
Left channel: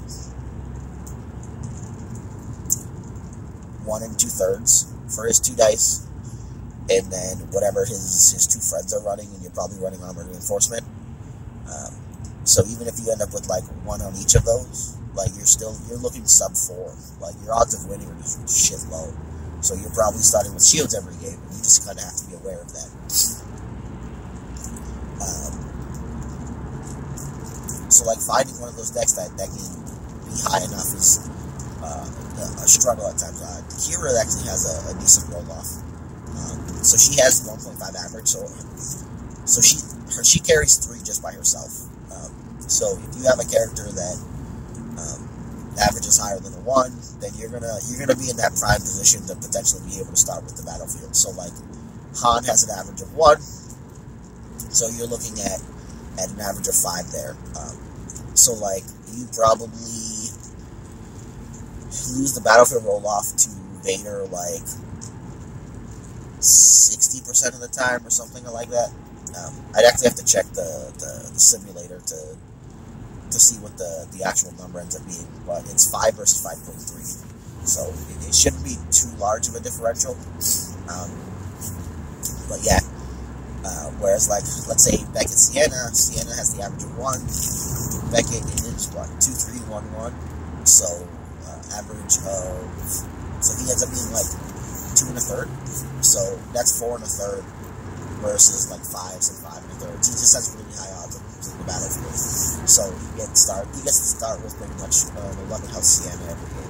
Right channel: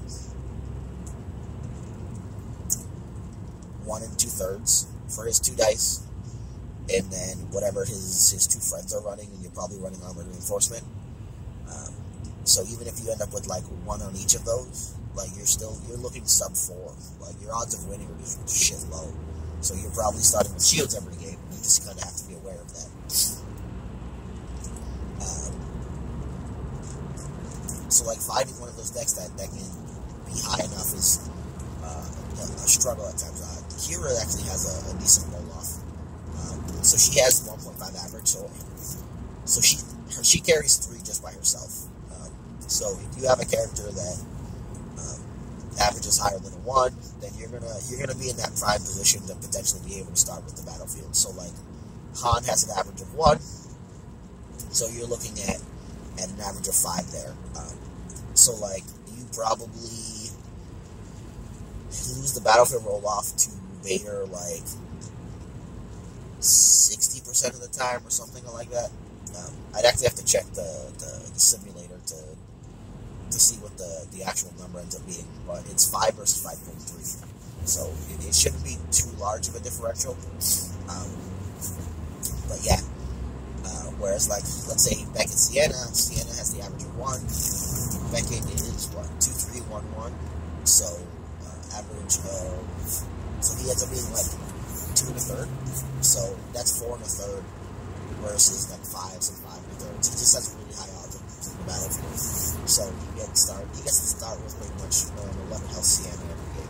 1 2/3 for his 2 dice. And then whatever his 2 friends are running, and you're probably running armored reinforcement. So even if you end up with 1 on each of those, you're looking sub 4. Your odds of winning are just shit low. So you're probably starting with shields every game, and you just kind of have to be aware of that. So like finding one of those decks that can be high enough is a struggle at times. Kira actually has a decent roll off. So she has 1.5 average. So she carries 3 just by herself. So if you have a character that average is higher than a 1, then you're gonna be in that prime position to potentially be able to start with the battlefield. So like Han has an average of 1, so you're looking at an average of 5 there. So like you probably lose the battlefield roll off to Vader like 60% of the time or something like that. I'd actually have to check the simulator to see what the actual number ends up being, but it's 5 versus 5.3, so it shouldn't be too large of a differential. But yeah, whereas like let's say Beckett Sienna has the average of 1. Beckett is what, 2-3-1-1, so average of, so he ends up being like 2 1/3, so that's 4 1/3 versus like 5s and 5 1/3. He just has really high odds of in the battlefield, so he gets to start with pretty much 11 health Sienna every game.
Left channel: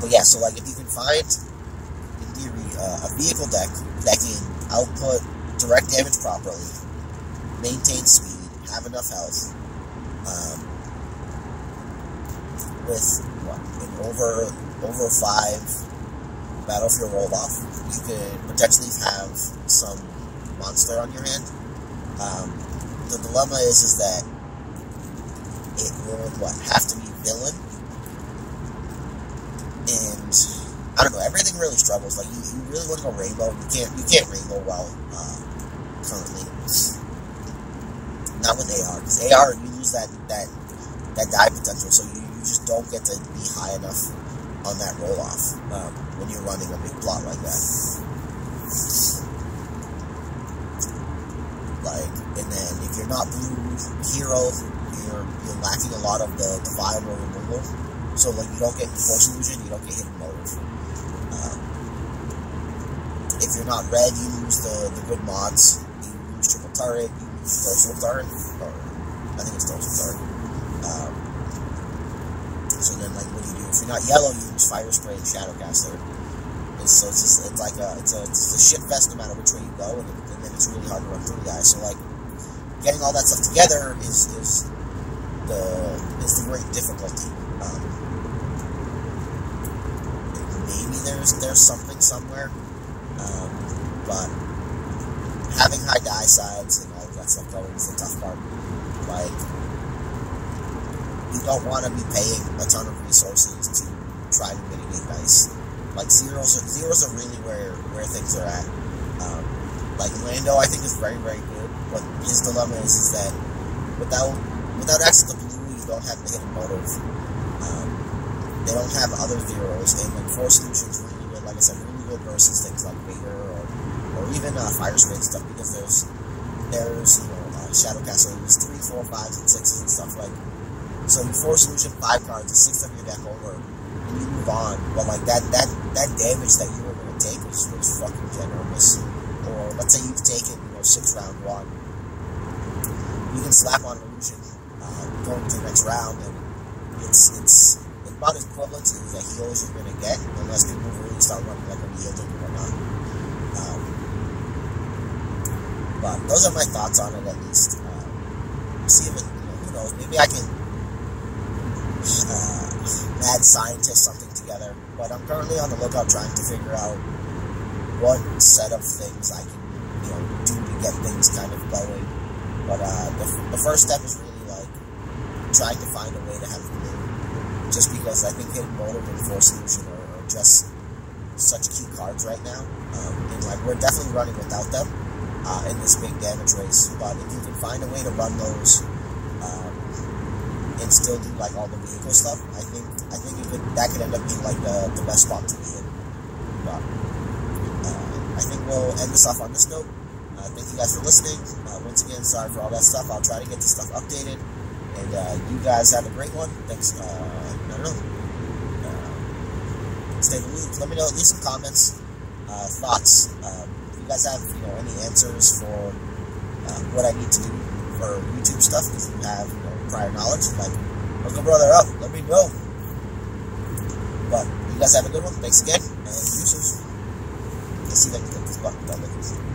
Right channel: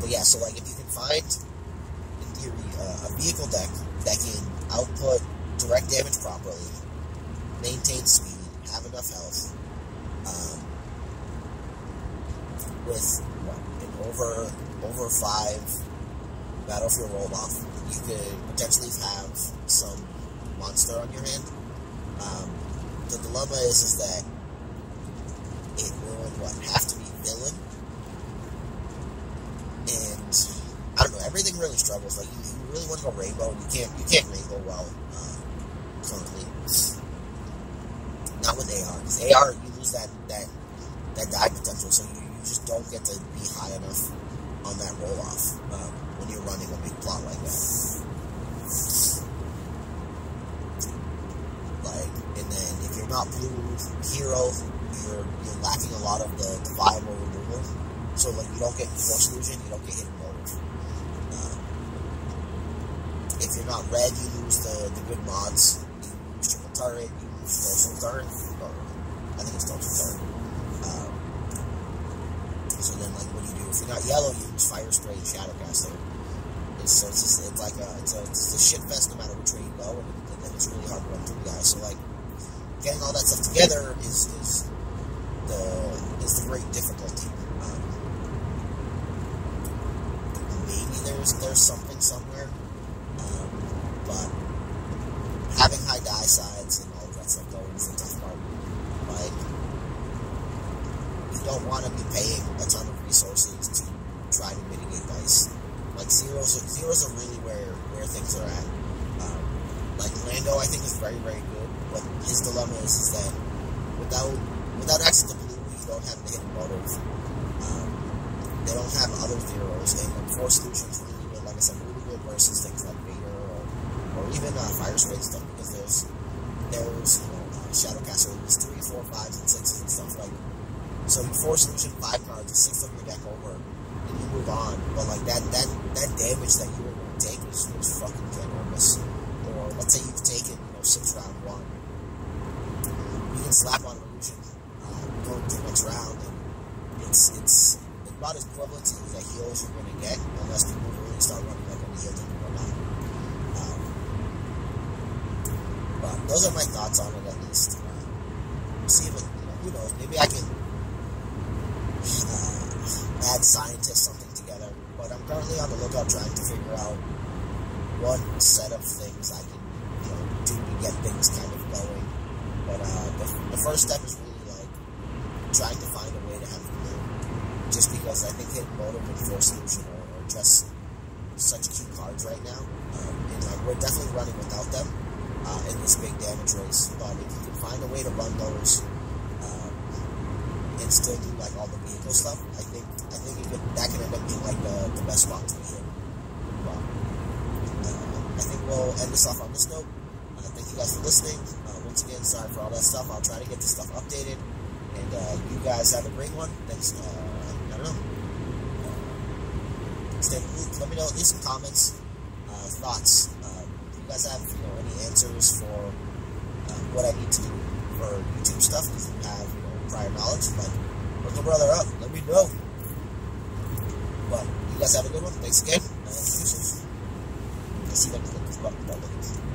But yeah, so like if you can find, in theory, a vehicle deck that can output direct damage properly, maintain speed, have enough health, with what, an over 5 battlefield roll off, you could potentially have some monster on your hand. The dilemma is that it would have to be villain, and I don't know, everything really struggles. Like you really want to go rainbow, and you can't rainbow well currently. Not with AR, because AR you lose that die potential, so you just don't get to be high enough on that roll off when you're running a big plot like that. Like, and then if you're not blue hero, you're lacking a lot of the viable removal. So like you don't get force illusion, you don't get hidden motive. If you're not red, you lose the good mods. You lose triple turret, you lose torso turret, or I think it's torso turret. So then like what do you do? If you're not yellow, you use fire spray and shadowcaster. So it's like a shit fest no matter which way you go, and then it's really hard to run through guys. So like getting all that stuff together is the great difficulty. Maybe there's something somewhere, but having high die sides and all of that stuff going is the tough part. Like you don't want to be paying a ton of resources to try to mitigate dice. Like zeros are really where things are at. Like Lando, I think is very, very good, but his dilemma is that without access to blue, you don't have the hidden motive. They don't have other zeros, and like Force Illusion's really good. Like I said, really good versus things like Vader or even Fire Spray and stuff, because there's Shadowcaster who's 3, 4, 5s, and 6s and stuff like. So you Force Illusion 5 cards, 6 of your deck over, and you move on. But like that damage that you were going to take was fucking ginormous. Or let's say you've taken 6 round 1, you can slap on illusion going to the next round, and it's about as equivalent to the heals you're going to get, unless people really start running like unyielding or whatnot. But those are my thoughts on it, at least. See if it, who knows, maybe I can mad scientist something together, but I'm currently on the lookout trying to figure out what set of things I can do to get things kind of going. But the first step is really like trying to find a way to have blue, just because I think hidden motive and force illusion are just such key cards right now, and like we're definitely running without them in this big damage race. But if you can find a way to run those and still do like all the vehicle stuff, I think that could end up being like the best spot to be in. But I think we'll end this off on this note. Thank you guys for listening. Once again, sorry for all that stuff. I'll try to get this stuff updated, and you guys have a great one. Thanks. I don't know. Stay in the loop. Let me know. Leave some comments, thoughts. If you guys have any answers for what I need to do or YouTube stuff, if you have prior knowledge, like, hook a brother up, let me know. But you guys have a good one. Thanks again, and deuces. Let's see if I can click this button without looking.